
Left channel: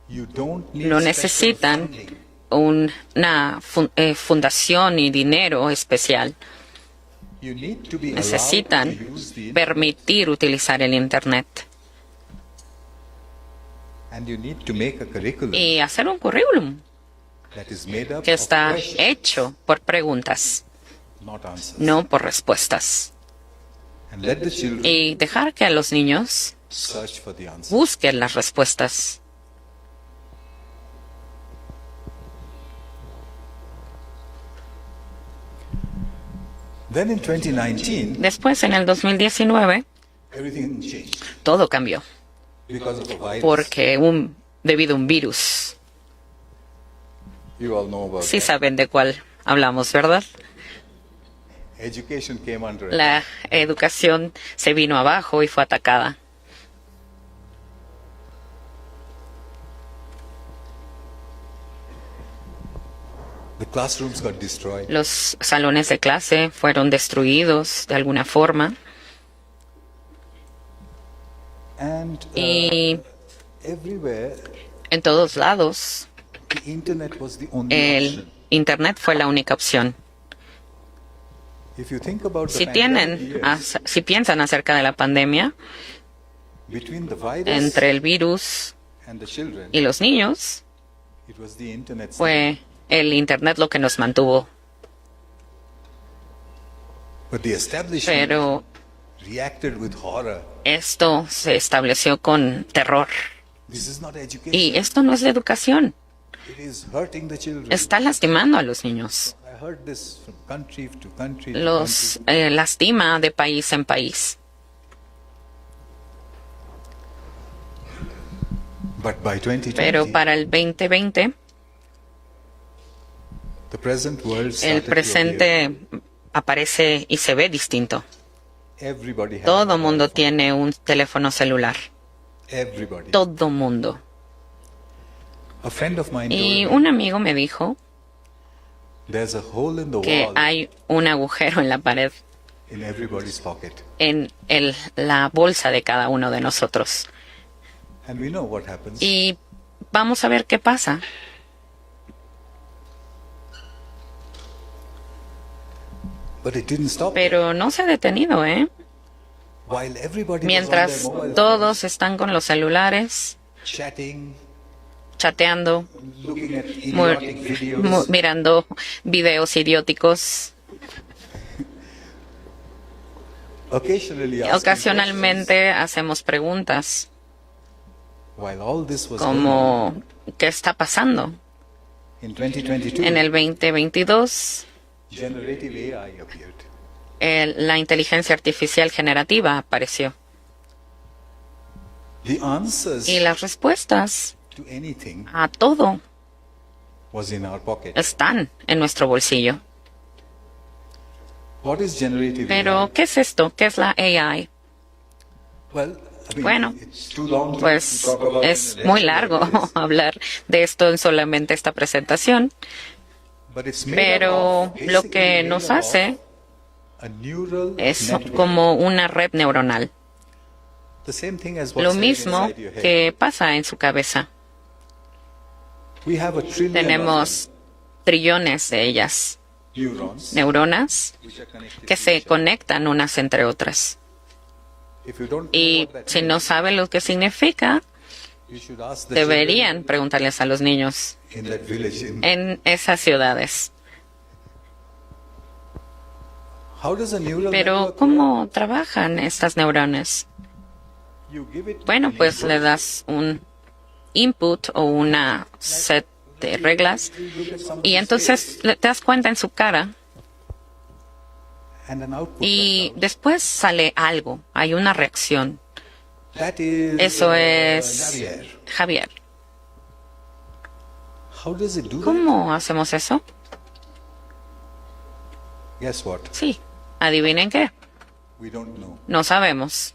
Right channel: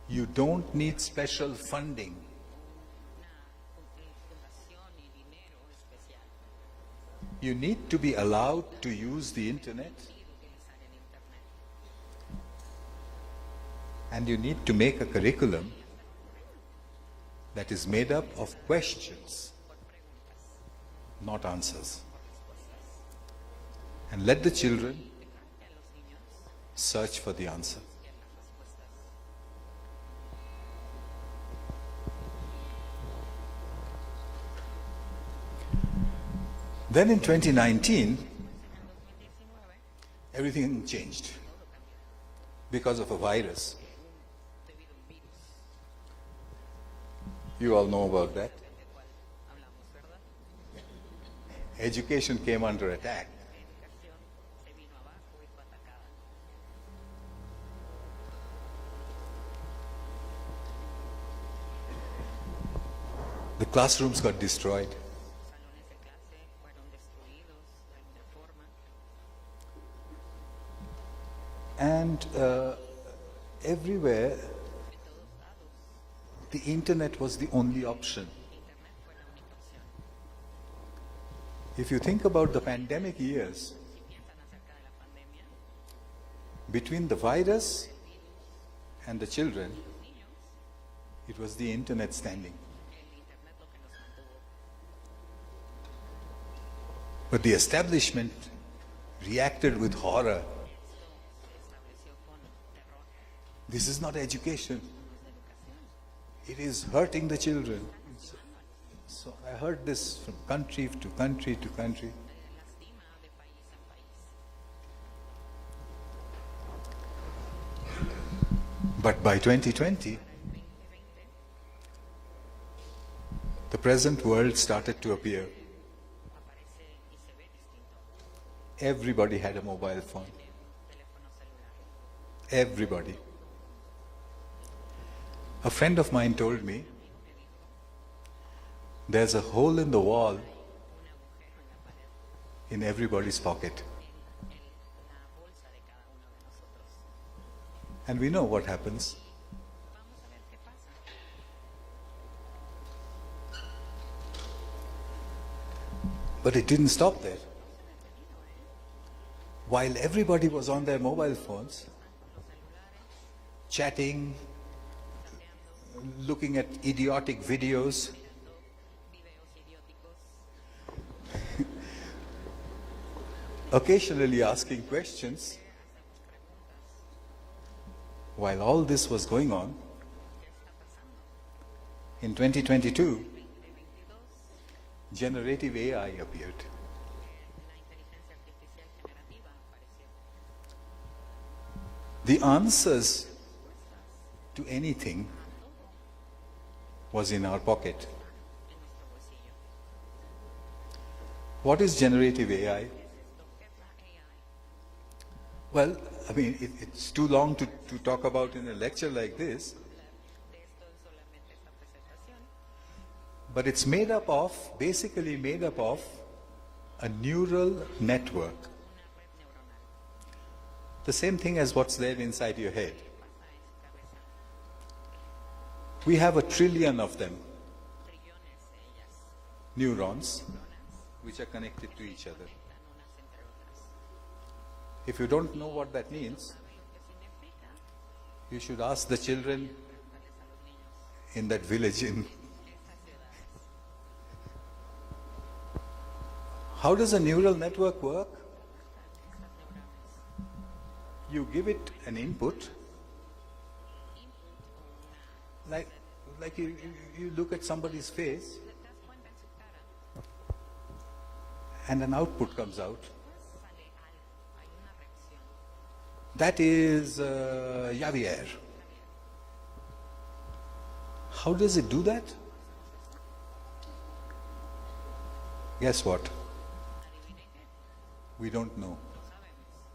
You don't need no special necesitan funding. una fundación y dinero especial. You need to be allowed Necesitan to use the internet, permitir utilizar el Internet and you need to make a curriculum y hacer un currículum that is made up que of está questions, hecho por preguntas, not answers. no por respuestas. And let the children Y dejar que a los niños search for the answers. busquen las respuestas. Then in 2019, Después, en el 2019, everything changed todo cambió because of a virus. porque debido a un virus. You all know about Sí that. saben de cuál hablamos, ¿verdad? Education came under attack. La educación se vino abajo y fue atacada. The classrooms got destroyed. Los salones de clase fueron destruidos de alguna forma And y everywhere, en todos lados the internet was the only el option. Internet fue la única opción. If you think about the Si pandemic years, si piensan acerca de la pandemia, between the virus entre el virus and the children, y los niños, it was the internet. fue el Internet lo que nos mantuvo. But the establishment Pero reacted with horror. esto se estableció con terror. This is not education. Y esto no es la educación. It is hurting the children. Está lastimando a los niños. I heard this from country to country to Los country. lastima de país en país. But by 2020, Pero para el 2020, the present world el started to appear. presente aparece y se ve distinto. Everybody has a Todo mobile mundo phone. tiene un teléfono celular. Everybody. Todo mundo. A friend of mine Y told me un amigo me dijo there's a hole in the que wall hay un agujero en la pared, in everybody's pocket. en la bolsa de cada uno de nosotros. And we know what happens. Y vamos a ver qué pasa. But it didn't stop there. Pero no se ha detenido, ¿eh? While everybody was on their Mientras mobile todos phones, están con los celulares, chatting, chateando, looking at idiotic videos, mirando videos idióticos, occasionally asking ocasionalmente hacemos preguntas questions. While all this was going on, como ¿qué está pasando? in 2022, En el 2022, generative AI appeared. la inteligencia artificial generativa apareció. The answers Y las respuestas to anything a todo was in our pocket. están en nuestro bolsillo. What is generative Pero, AI? ¿qué es esto? ¿Qué es la AI? Well, I mean, Bueno, it's too long to Pues talk about es in a muy lecture largo like this, hablar de esto en solamente esta presentación, but it's made up pero of, lo basically que made nos up of hace a neural es network. como una red neuronal. The same thing as Lo what's there mismo inside your head. que pasa en su cabeza. We have a trillion Tenemos trillones de ellas, of them, neurons, neuronas, which are connected que to se each other. conectan unas entre otras. If you don't know Y what that si no means, saben lo que significa, you should ask the deberían preguntarles a los niños children in that village. en esas ciudades. How does a neural Pero, network ¿cómo trabajan estas neuronas? work? You give it Bueno, an pues input. le das un input o una set de reglas You look at y somebody's entonces face te das cuenta en su cara and an output y comes out. después sale algo, hay una reacción. That is Eso es Javier. Javier. How does it do that? ¿Cómo hacemos eso? Guess what? Sí, adivinen qué, We don't know. no sabemos.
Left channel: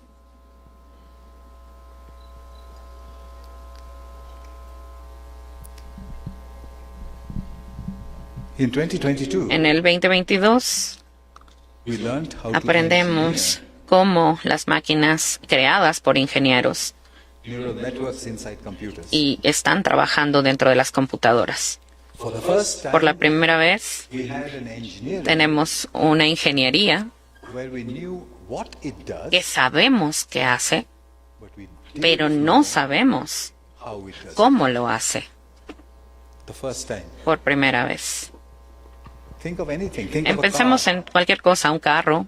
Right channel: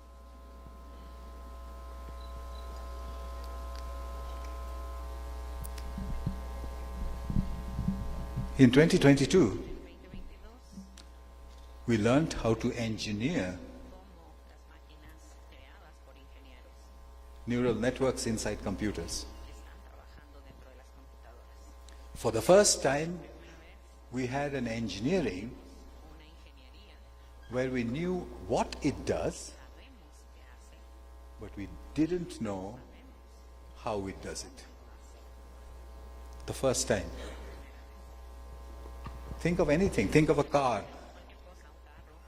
In 2022, En el 2022 we learned how to aprendemos engineer cómo las máquinas creadas por ingenieros neural networks inside computers. y están trabajando dentro de las computadoras. For the first time, Por la primera vez we had an engineering tenemos una ingeniería where we knew what it does, que sabemos qué hace, but we pero didn't no know sabemos how it does. cómo lo hace The first time. por primera vez. Think of anything. Think of a Empecemos car. en cualquier cosa, un carro,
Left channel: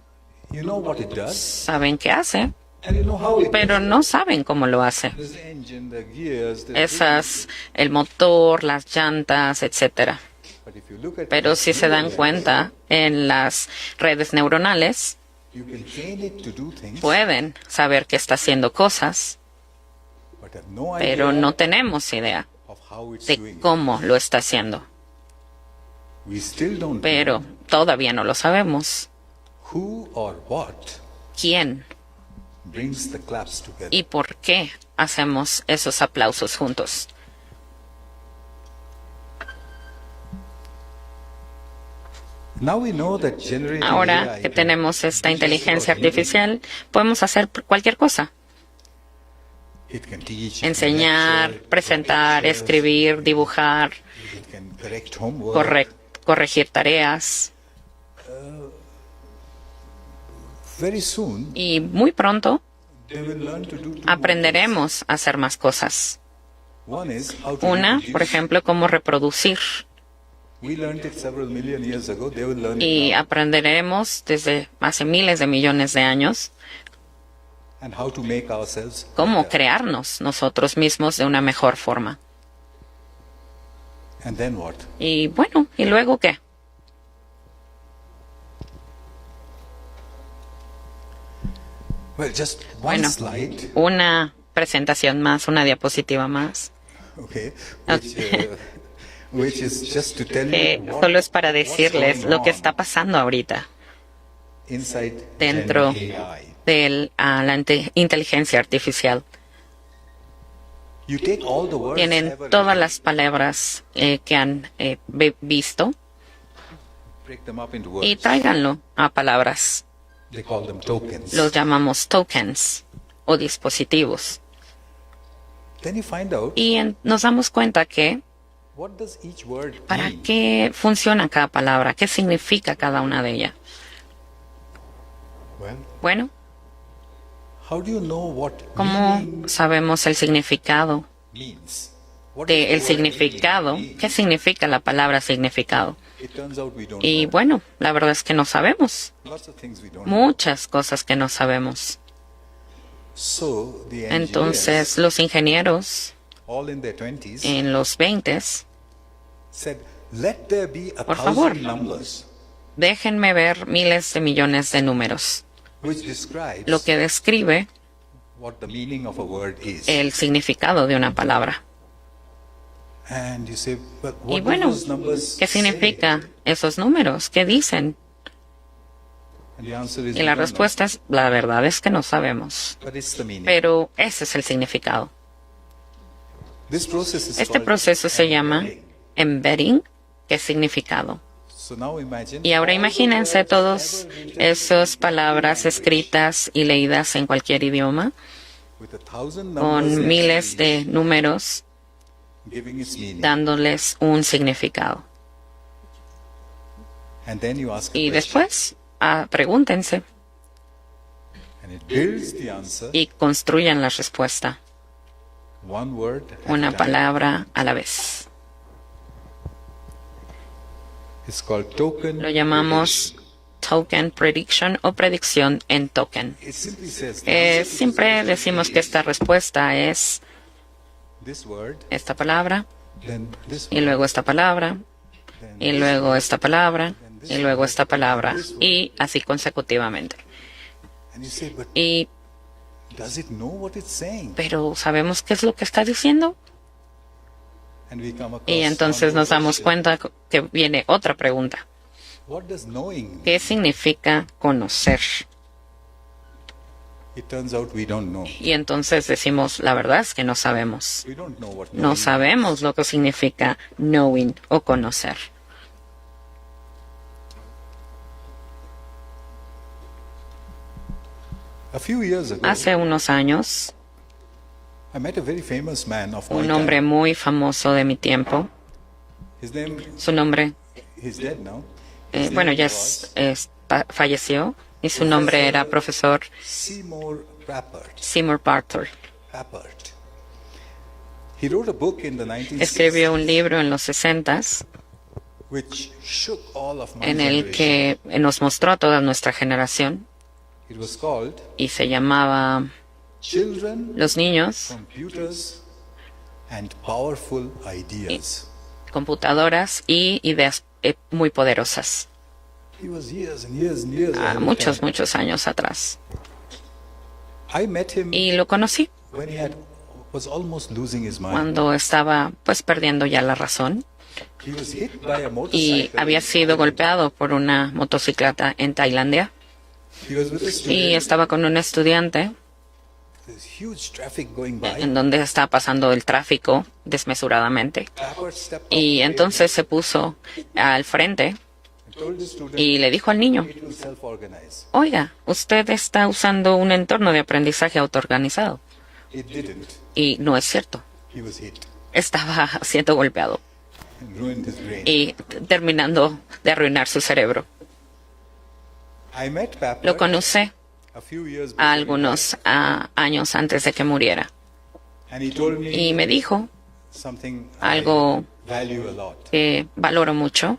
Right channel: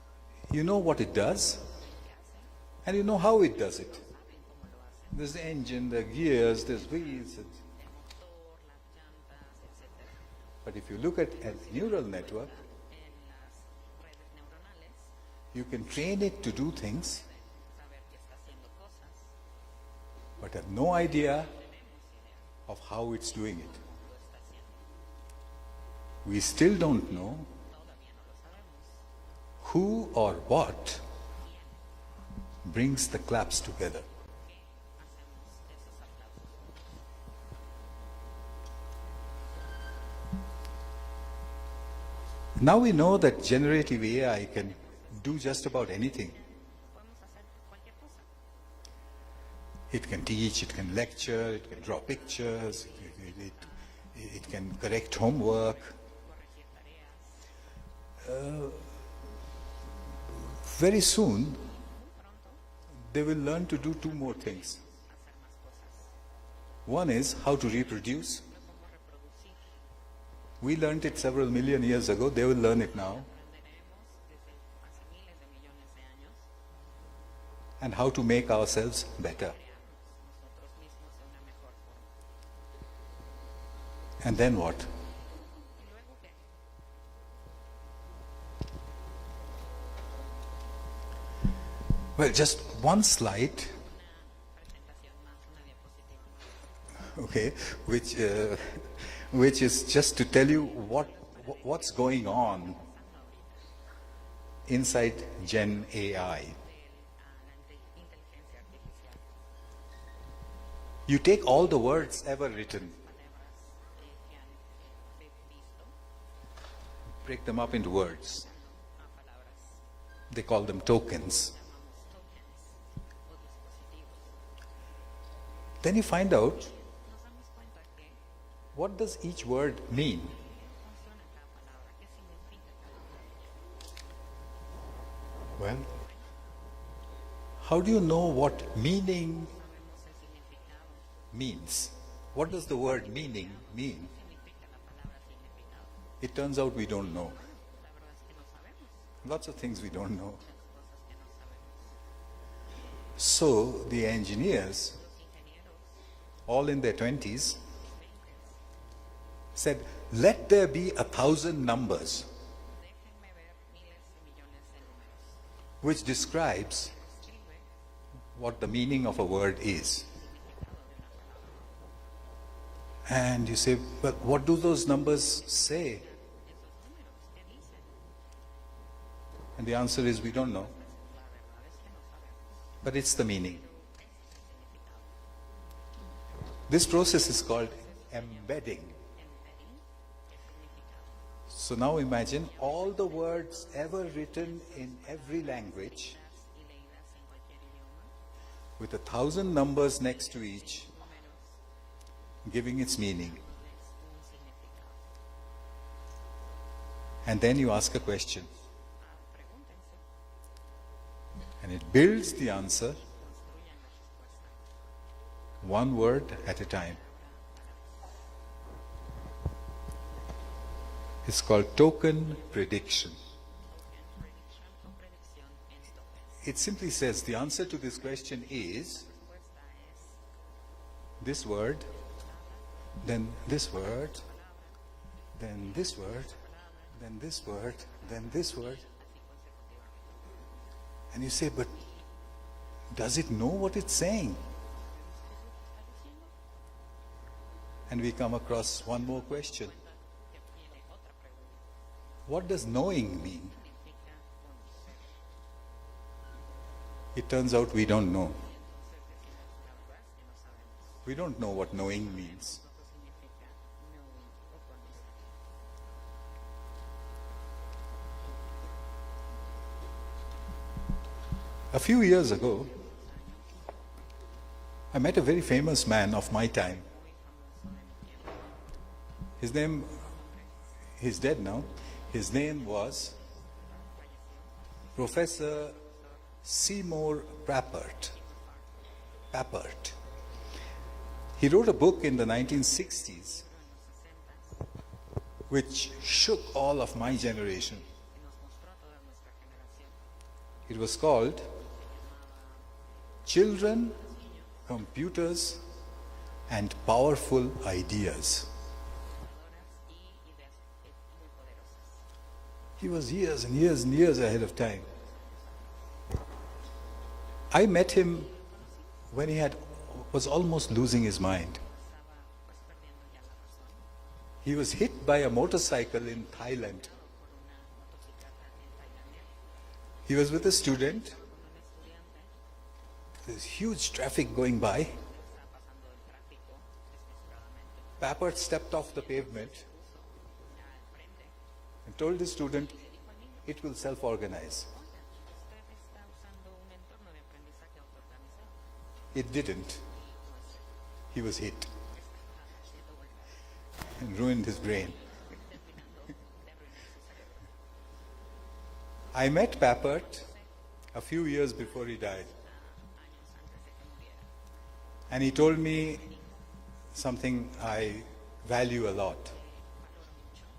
You know what it does, saben qué hace, and you know how it pero does. no saben cómo lo hace. There's the engine, the gears, the Esas, el motor, las llantas, etcétera. But if you look at Pero si se dan neural cuenta, en las redes neuronales network, you can train it to do things, pueden saber que está haciendo cosas, but have no pero idea no tenemos idea of how it's de doing it. cómo lo está haciendo. We still don't Pero know todavía no lo sabemos. who or what ¿Quién brings the claps together. y por qué hacemos esos aplausos juntos? Now we know that generative Ahora AI que can tenemos esta do just about inteligencia anything. artificial, podemos hacer cualquier cosa. It can teach, it can Enseñar, lecture, draw presentar, pictures, escribir, dibujar, it can correct homework. corregir tareas. Very soon, Y muy pronto they will learn to do two more aprenderemos a hacer más cosas. things. One is how to Una, reproduce. por ejemplo, cómo reproducir. We learned it several million years ago. They will learn Y it now. aprenderemos desde hace miles de millones de años And how to make ourselves cómo better. crearnos nosotros mismos de una mejor forma. And then what? Y bueno, ¿y luego qué? Well, just one Bueno. slide, Una presentación más, una diapositiva más. okay, which is just to tell you Solo es para what's decirles going lo que on está pasando ahorita inside dentro Gen AI. de la inteligencia artificial. You take all the words Tienen ever todas written, las palabras que han visto break them up into y words. tráiganlo a palabras. They call them tokens. Los llamamos tokens o dispositivos. Then you find out Y nos damos cuenta que what does each word para mean. qué funciona cada palabra, qué significa cada una de ellas. Well, Bueno, how do you know what ¿cómo meaning sabemos el significado means? What de does el the word significado? meaning ¿Qué mean? significa la palabra significado? It turns out we don't Y know. bueno, la verdad es que no sabemos. Lots of things we don't know. Muchas cosas que no sabemos. So the Entonces, engineers, los ingenieros all in their 20s, en los 20 said, let there be a Por favor. 1,000 numbers déjenme ver miles de millones de números, which describes lo que describe what the meaning of a word is. el significado de una palabra. And you say, but Y what do bueno, those numbers ¿qué say? significa esos números? ¿Qué dicen? And the answer is Y we la don't respuesta es, la verdad es que no sabemos. know. But it's the meaning. Pero ese es el significado. This process is Este called proceso se llama embedding. embedding, que es significado. So now imagine Y ahora all the imagínense words todas ever written esas in palabras any language escritas y leídas en cualquier idioma, with 1,000 numbers con next miles to de each, números giving its meaning. dándoles un significado. And then you ask a Y question. después, pregúntense And it builds the answer y construyan la respuesta, one word at una a time. palabra a la vez. It's called token Lo llamamos prediction. token prediction o predicción en token. It simply says the answer to this Siempre question decimos que is esta respuesta es this word, esta palabra, then this y word, luego esta palabra, then y this luego word. esta palabra, y luego esta palabra, this word. y así consecutivamente. And you say, but Y, does it know what it's saying? pero ¿sabemos qué es lo que está diciendo? And we come across Y entonces one more nos damos question. cuenta que viene otra pregunta. What does knowing mean? ¿Qué significa conocer? It turns out we don't know. Y entonces decimos, la verdad es que no sabemos. We don't know what knowing No sabemos lo que significa knowing o conocer. means. A few years ago, Hace unos años, I met a very famous man of my un hombre time. muy famoso de mi tiempo, His name, su nombre, he's dead now. His bueno, name ya was falleció, y su nombre era profesor Seymour Papert. Seymour Barter. Papert. He wrote a book in the 1960s Escribió un libro en los 60s which shook all of my en el generation. que nos mostró a toda nuestra generación It was called y se llamaba Children, Los niños, Computers, and Powerful Ideas. computadoras y ideas muy poderosas. He was years and years and years ahead of Muchos, time. muchos años atrás. I met him Y lo conocí when he was almost losing his mind. cuando estaba pues perdiendo ya la razón He was hit by a y motorcycle. había in sido Thailand. golpeado por una motocicleta en Tailandia He was with a y student. estaba con un estudiante There's huge traffic going by. en donde estaba pasando el tráfico desmesuradamente. Papert stepped off Y the entonces se puso al frente pavement and told the student y le dijo al niño, it will self-organize. oiga, usted está usando un entorno de aprendizaje autoorganizado. It didn't. Y no es cierto. He was hit Estaba siendo golpeado and ruined his brain. y terminando de arruinar su cerebro. I met Lo Papert conocí a few years a before he algunos died. años antes de que muriera. And he told Y me me dijo something algo I value a lot. que valoro mucho.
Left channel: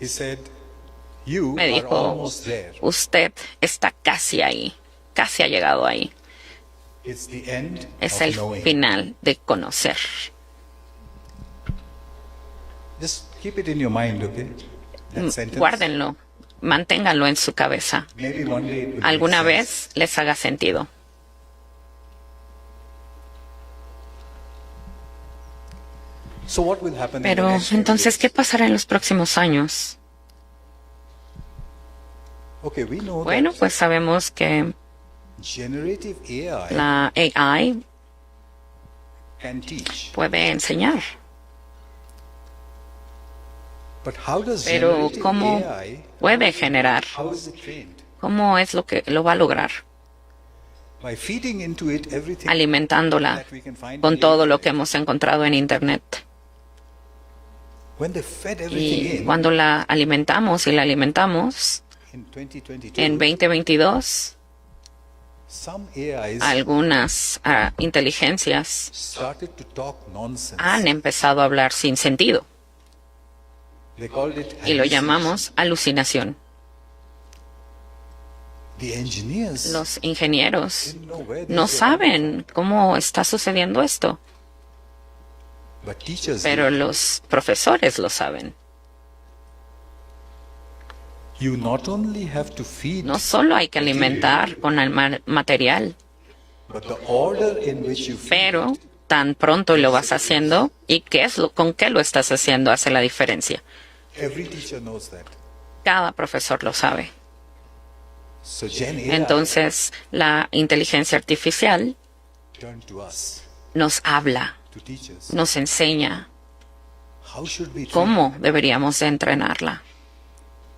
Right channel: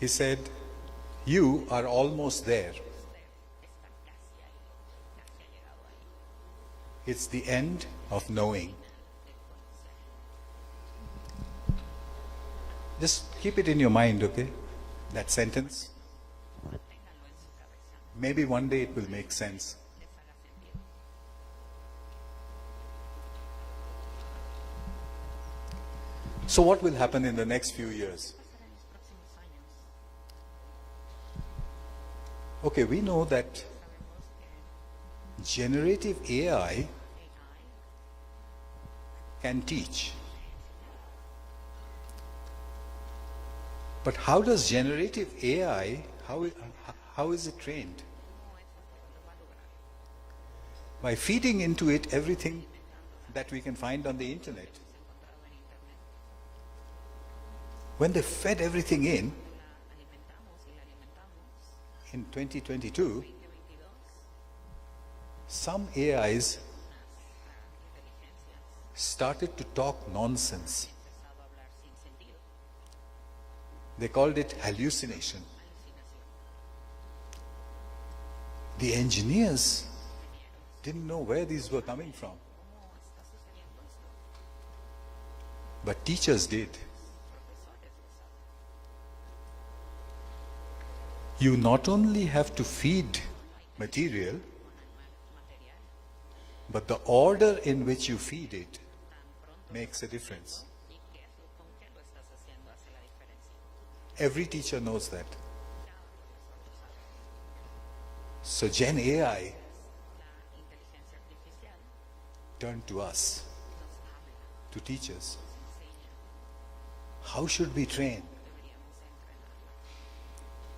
He said, you Me are dijo, almost there. usted está casi ahí, casi ha llegado ahí. It's the end Es of el knowing. final de conocer. Just keep it in your mind, okay? That sentence. Guárdenlo, manténganlo en su cabeza. Maybe one day it will make Alguna sense. vez les haga sentido. So what will happen in the Pero next few entonces, ¿qué years? pasará en los próximos años? Okay, we know Bueno, that pues sabemos que generative AI la AI can teach. puede enseñar. But how does Pero generative ¿cómo AI, puede generar? how is it trained? ¿Cómo es lo que lo va a lograr? By feeding into it everything Alimentándola that we can find on con the todo lo internet. que hemos encontrado en Internet. When they fed everything Y in, cuando la alimentamos y la alimentamos, in 2022, En 2022, some AIs algunas inteligencias started to talk nonsense. han empezado a hablar sin sentido They called it y lo hallucination. llamamos alucinación. The engineers Los ingenieros didn't know where these no were coming saben cómo está sucediendo esto, from, but teachers pero did. los profesores lo saben. You not only have to feed, No solo hay que alimentar con el material, but the order in which you feed pero it. tan pronto lo vas haciendo y con qué lo estás haciendo hace la diferencia. Every teacher knows that. Cada profesor lo sabe. So Gen AI Entonces, la inteligencia artificial turned to us, nos habla, to teachers. nos enseña How should we train? cómo deberíamos de entrenarla.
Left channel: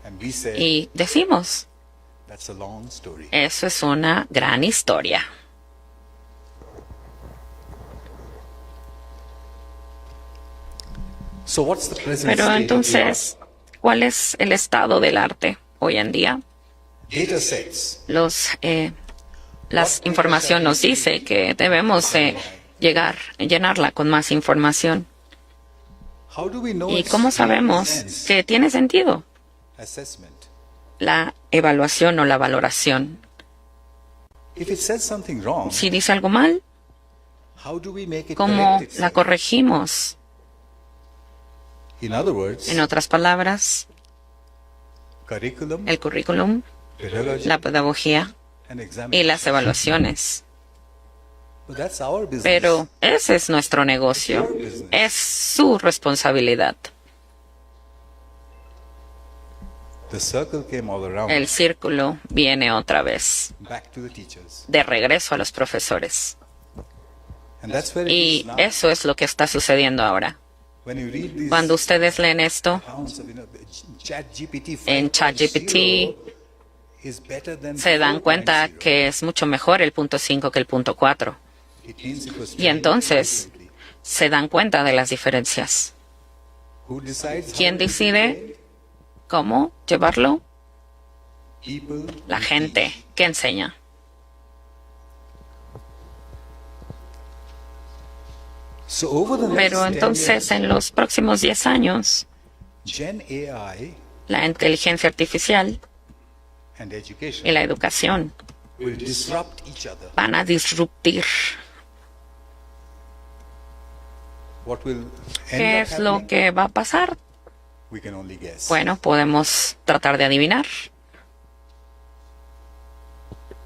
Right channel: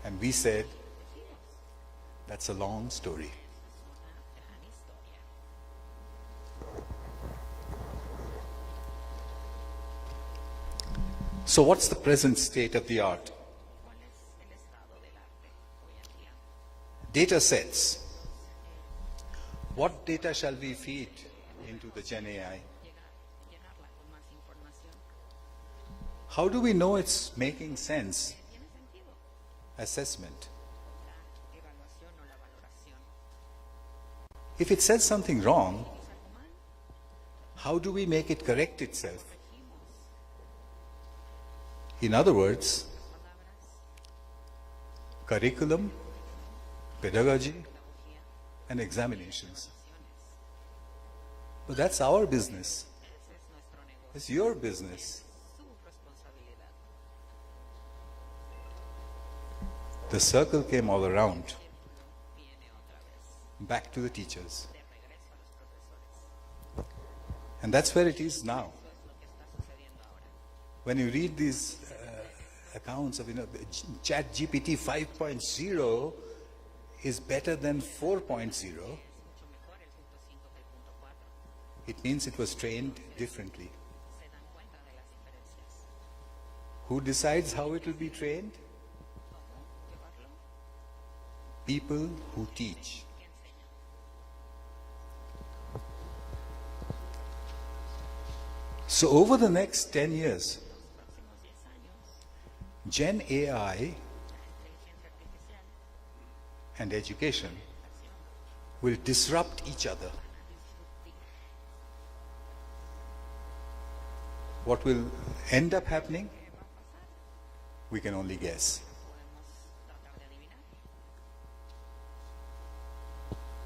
And we said, Y decimos, that's a long story. eso es una gran historia. So what's the present Pero state of the art? entonces, ¿cuál es el estado del arte hoy en día? Data sets. Las información nos dice que debemos llenarla con más información. How do we know ¿Y it's cómo making sabemos sense? que tiene sentido Assessment. la evaluación o la valoración? If it says something wrong, Si dice algo mal, how do we make it ¿cómo correct la itself? corregimos? In other words, En otras palabras, curriculum, el currículum, pedagogy, la pedagogía and y examination. las evaluaciones. But that's our business. Pero ese es nuestro negocio. It's your business. Es su responsabilidad. The circle came all around, El círculo viene otra vez, back to the teachers. de regreso a los profesores. And that's where it Y is now. eso es lo que está sucediendo ahora. When you read these Cuando ustedes leen esto accounts of, ChatGPT en 5.0 ChatGPT, is better than se dan cuenta 4.0. que es mucho mejor el punto 5 que el punto 4. It means it was Y trained entonces differently. se dan cuenta de las diferencias. Who decides how ¿Quién it is decide? trained? ¿Cómo llevarlo? People La who gente teach. que enseña. So over the next Pero 10 entonces years, en los próximos 10 años, Gen AI la inteligencia artificial and y education la educación will disrupt each other. van a disruptir. What will ¿Qué end up es lo happening? que va a pasar? We can only guess. Bueno, podemos tratar de adivinar.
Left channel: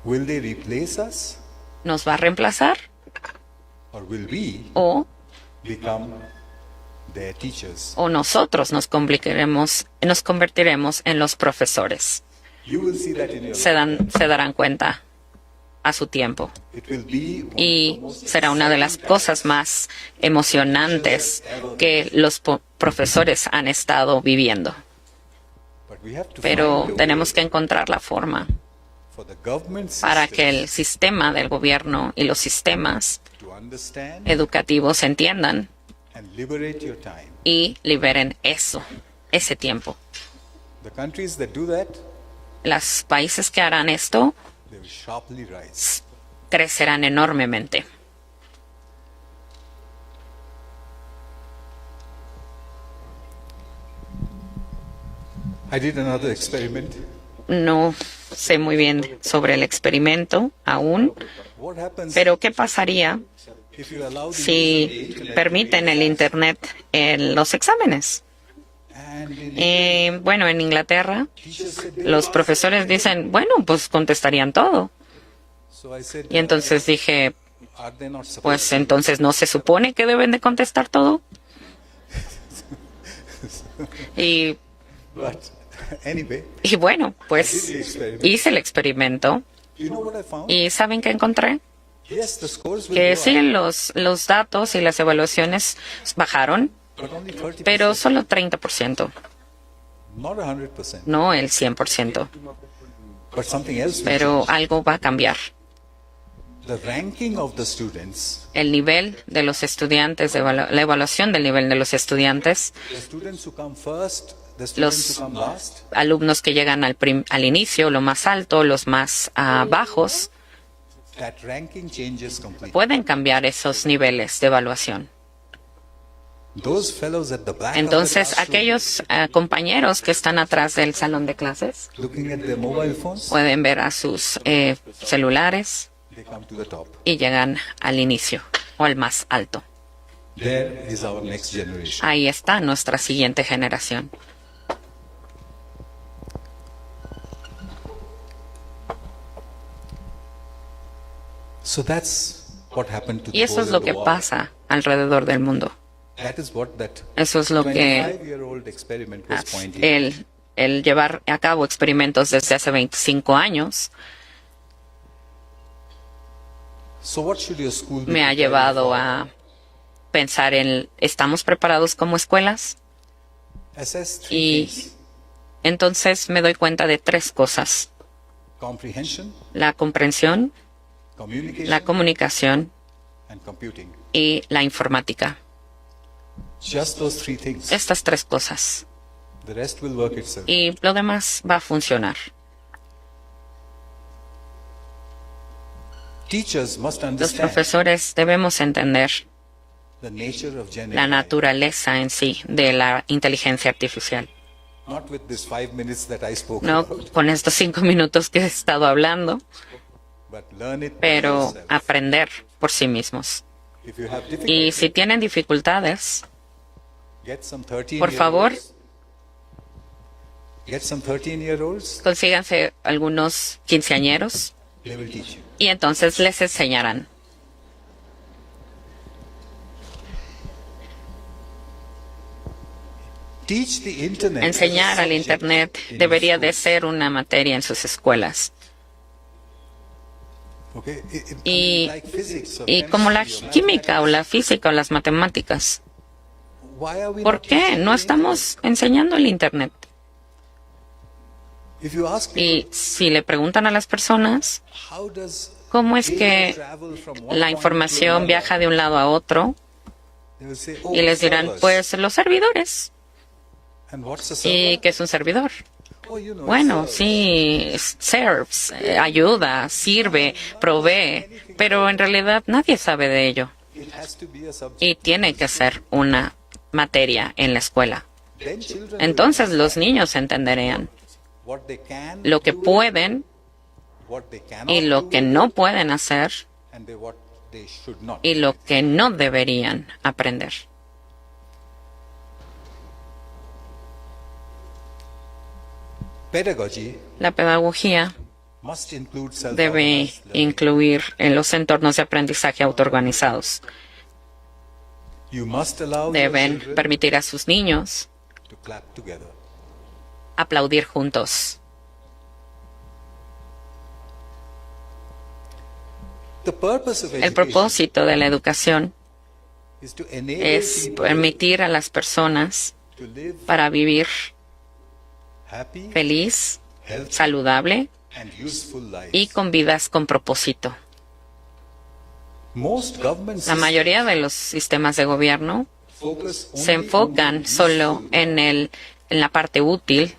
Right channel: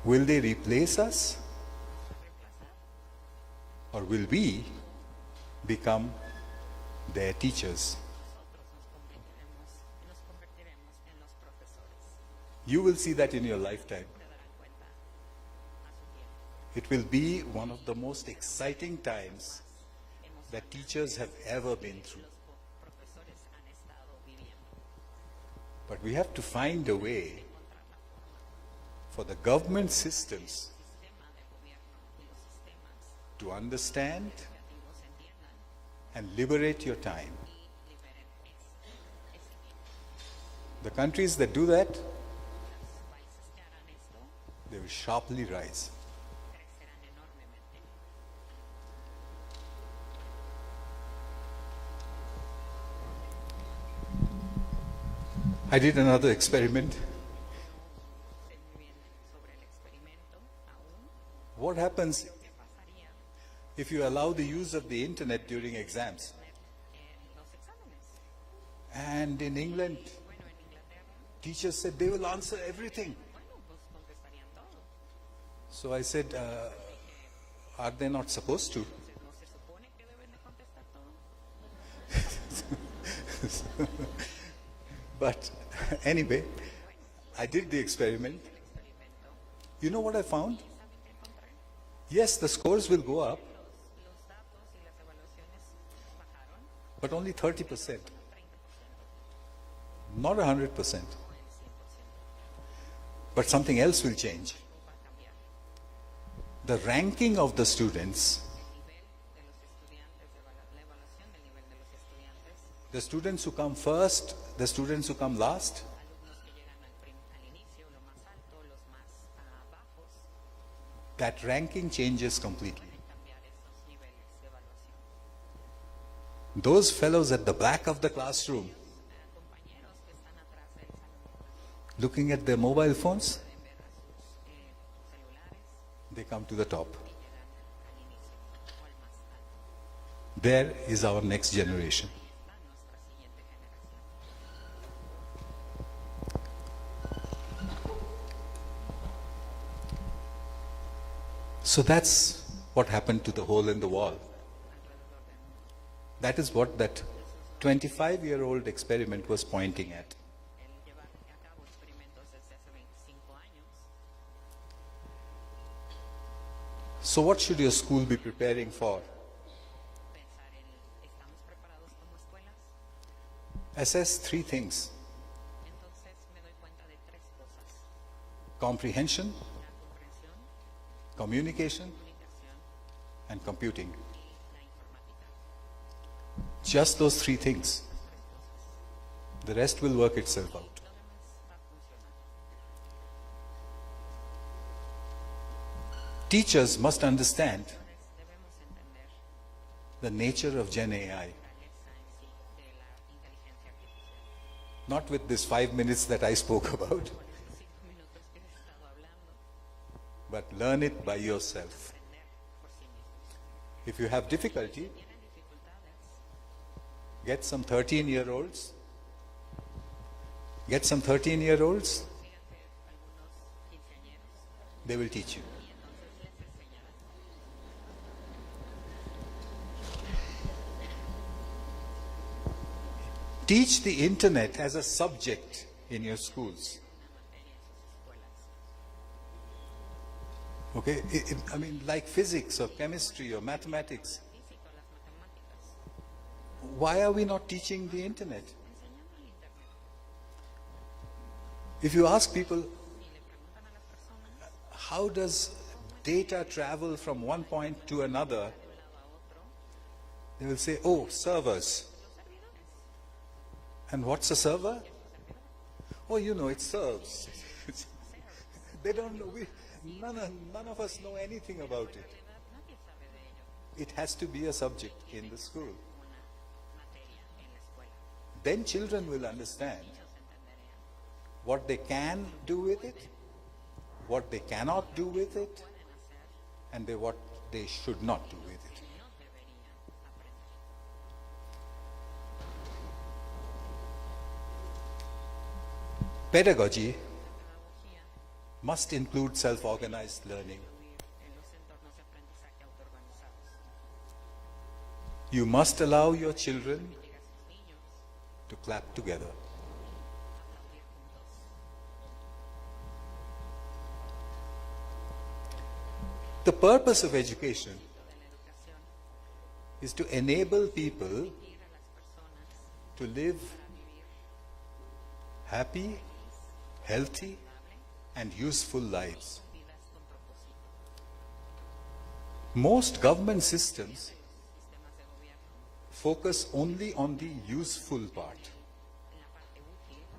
Will they replace us, ¿Nos va a reemplazar or will we o become their teachers? nosotros nos convertiremos en los profesores? You will see that in your Se lifetime. darán cuenta a su tiempo. It will be one of the Y most será una de las exciting cosas times. más emocionantes que los profesores han estado viviendo. But we have to Pero find a tenemos way que encontrar la forma for the government para que el systems sistema del gobierno y los sistemas to understand educativos entiendan and liberate your time. y liberen ese tiempo. The countries that do that, Los países que harán esto they will sharply rise. crecerán enormemente. I did another experiment. No sé muy bien sobre el experimento aún, What happens pero ¿qué pasaría if you allow the use of the si internet to permiten read el exams? Internet en los exámenes? And in England, Bueno, en Inglaterra teachers said they los will profesores answer everything. dicen, bueno, pues contestarían todo. So I said, Y entonces dije, are they not supposed pues to? entonces no se supone que deben de contestar todo. Y But anyway, bueno, I did pues the experiment. hice el experimento You know what I found? y ¿saben qué encontré? Yes, the scores will Que go sí, up, los datos y las evaluaciones bajaron, but only 30%, pero solo 30%, not 100%. no el 100%. But something else will Pero change. algo va a cambiar. the ranking of the students, el nivel de los estudiantes, la evaluación del nivel de los estudiantes, the students who come first, the students who come last, alumnos que llegan al inicio, lo más alto, los más bajos, that ranking changes completely. pueden cambiar esos niveles de evaluación. Those fellows at the back of Entonces, the classroom, aquellos compañeros que están atrás del salón de clases looking at their mobile phones, pueden ver a sus celulares they come to the top. y llegan al inicio o al más alto. There is our next generation. Ahí está nuestra siguiente generación. So that's what happened to Y the eso hole es in lo the que wall. pasa alrededor del mundo. That is what that Eso es lo que 25-year-old experiment was pointing. el llevar a cabo experimentos desde hace 25 años So what should your school be me ha preparing llevado for? a pensar en, ¿estamos preparados como escuelas? Assess three Y things: entonces me doy cuenta de tres cosas: comprehension, la comprensión, communication, la comunicación and computing. y la informática. Just those three things. Estas tres cosas. The rest will work itself. Y lo demás va a funcionar. Teachers must Los understand profesores debemos entender the nature of Gen la AI. naturaleza en sí de la inteligencia artificial. Not with this 5 minutes that I spoke No about, con estos 5 minutos que he estado hablando, but learn it by pero yourself. aprender por sí mismos. If you have Y difficulty, si tienen dificultades, get some 13 por favor, Get some 13-year-olds, consíganse algunos quinceañeros they will teach you. y entonces les enseñarán. Teach the internet as a Enseñar al subject Internet in your debería de schools. ser una materia en sus escuelas. Okay? Y, like physics or y como la chemistry or química o la mathematics. física o las matemáticas. Why are we ¿Por not qué teaching no the estamos enseñando el Internet? internet? If you ask Y people, si le preguntan a las personas how does cómo es data que travel from one la point to información another, viaja de un lado a otro, they will say, oh, y les dirán, servers. pues los servidores. And what's a ¿Y server? qué es un servidor? Oh, you know, it Bueno, serves. sí, serves, ayuda, sirve, provee, pero en realidad nadie sabe de ello It has to be a subject. y tiene que ser una materia en la escuela. Then children will Entonces los understand niños entenderían what they can lo que do, pueden what they cannot y lo do que with no it, pueden hacer and what they should not y do lo with it. que no deberían aprender. Pedagogy La pedagogía must include debe self-organized learning. incluir en los entornos de aprendizaje autoorganizados. You must allow your Deben children permitir a sus niños to clap together. aplaudir juntos. The purpose of El education propósito de la educación is to enable es people permitir a las personas to live para vivir happy, feliz, healthy, saludable and useful lives. y con vidas con propósito. Most government La mayoría de los sistemas de gobierno focus only se on the enfocan solo useful en la parte útil,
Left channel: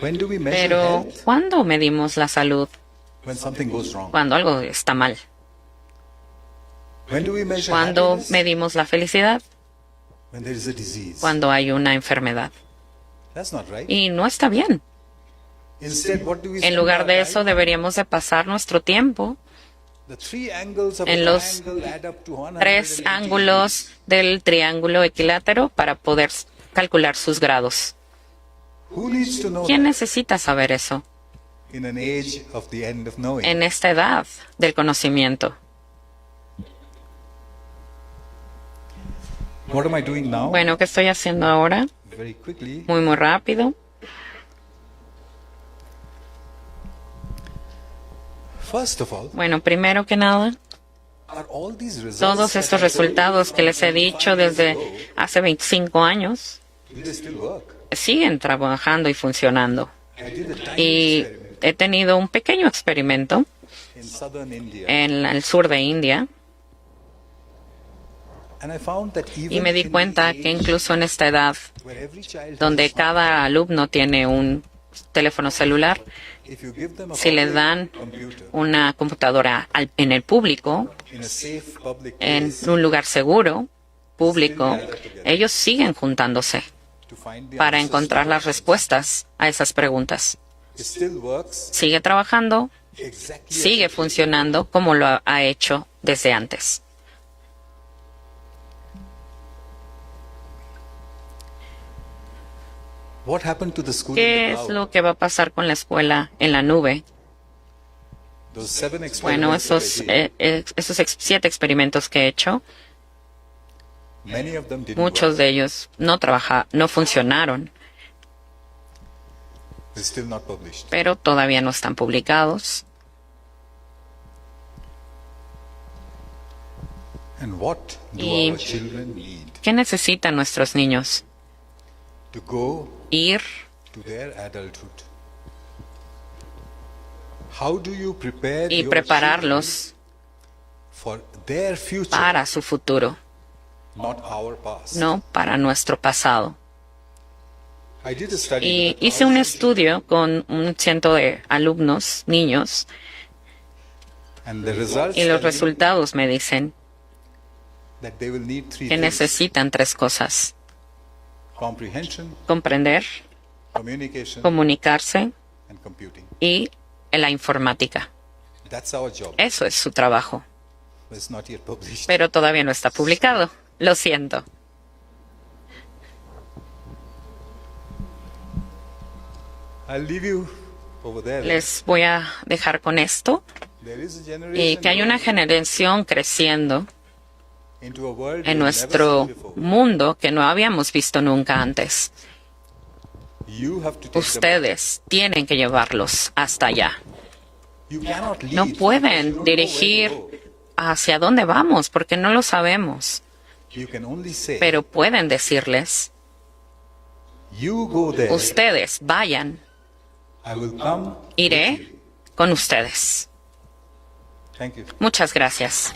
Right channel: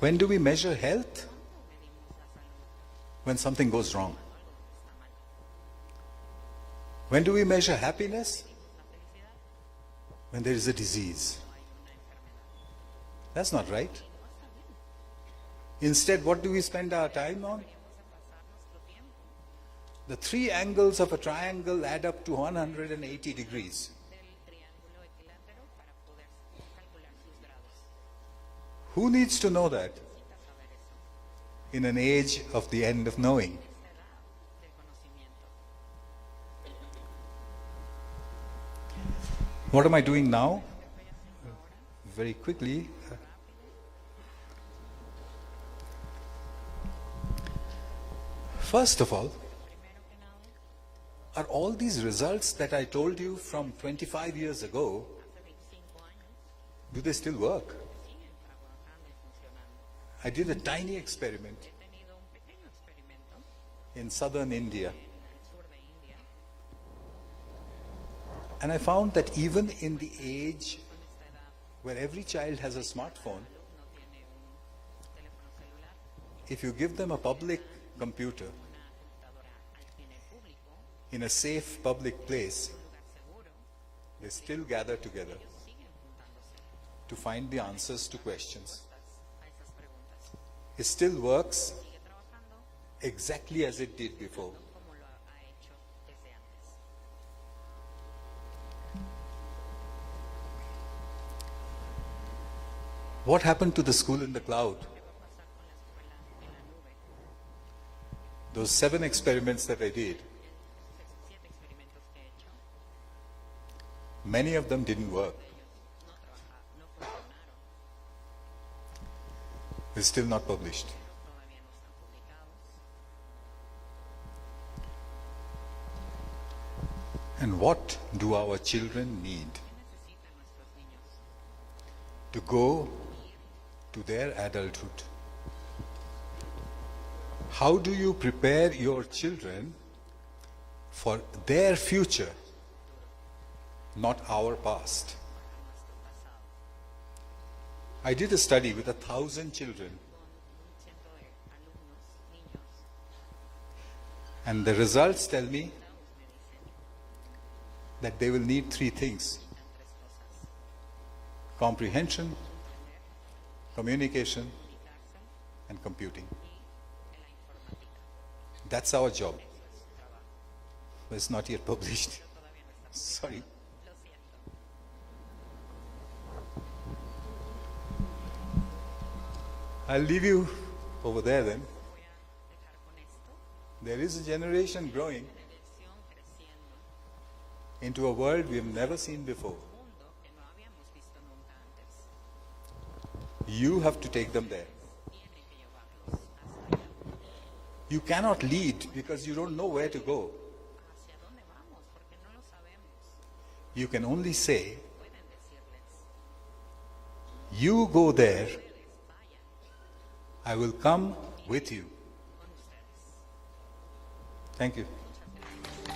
When do we measure pero health? ¿cuándo medimos la salud? When something goes wrong. Cuando algo está mal. When do we measure ¿Cuándo happiness? medimos la felicidad? When there is a disease. Cuando hay una enfermedad. That's not right. Y no está bien. Instead, what do we En spend lugar our de time eso, on? deberíamos de pasar nuestro tiempo The three angles of a en los triangle add up to 180 tres ángulos del triángulo equilátero para poder calcular sus grados. degrees. Who needs to know ¿Quién that necesita saber eso in an age of the end of knowing? en esta edad del conocimiento? What am I doing now? Bueno, ¿qué estoy haciendo ahora? Very quickly. Muy rápido. First of all, Bueno, primero que nada, are all these results todos that estos I told you resultados from que les he 25 dicho years desde ago, hace 25 años do they still work? siguen trabajando y funcionando. I did a tiny Y experiment. he tenido un pequeño experimento in southern India. en el sur de India And I found that y even me di in cuenta the que age incluso en esta edad, where every child has donde a smartphone, cada alumno tiene un teléfono celular, if you give them a si les public dan computer una computadora en el público, in a safe public en place un lugar seguro, público, ellos siguen juntándose to find the para answers to encontrar las questions, respuestas a esas preguntas. it still works Sigue trabajando, exactly as sigue it did funcionando como lo ha hecho desde antes. before. What happened to the school in ¿Qué the es cloud? lo que va a pasar con la escuela en la nube? Those 7 Bueno, experiments that I did, esos 7 experimentos que he hecho, many of them didn't muchos work. de ellos no funcionaron, They're still not published. pero todavía no están publicados. And what do Y- our children need? ¿Qué necesitan nuestros niños? To go Ir to their adulthood. How do you prepare y your prepararlos children for their future, para su futuro, not our past? no para nuestro pasado. I did a study Y with hice un 1,000 estudio con 100 de alumnos, niños, children, and the results y los tell me resultados me dicen that they will need 3 que things: necesitan 3 cosas: comprehension, comprender, communication, comunicarse and computing. y la informática. That's our job. Eso es su trabajo, But it's not yet published. pero todavía no está publicado. Lo siento. I'll leave you over there. then. Les voy a dejar con esto There is a y generation que hay una growing generación creciendo into a world en we've never seen nuestro before. mundo que no habíamos visto nunca antes. You have to take them. Ustedes tienen que llevarlos hasta allá. You cannot lead No because you pueden don't know where to dirigir go. hacia dónde vamos porque no lo sabemos, You can only say, pero pueden decirles, you go there, ustedes vayan, I will come with iré you. con ustedes. Thank you. Muchas gracias.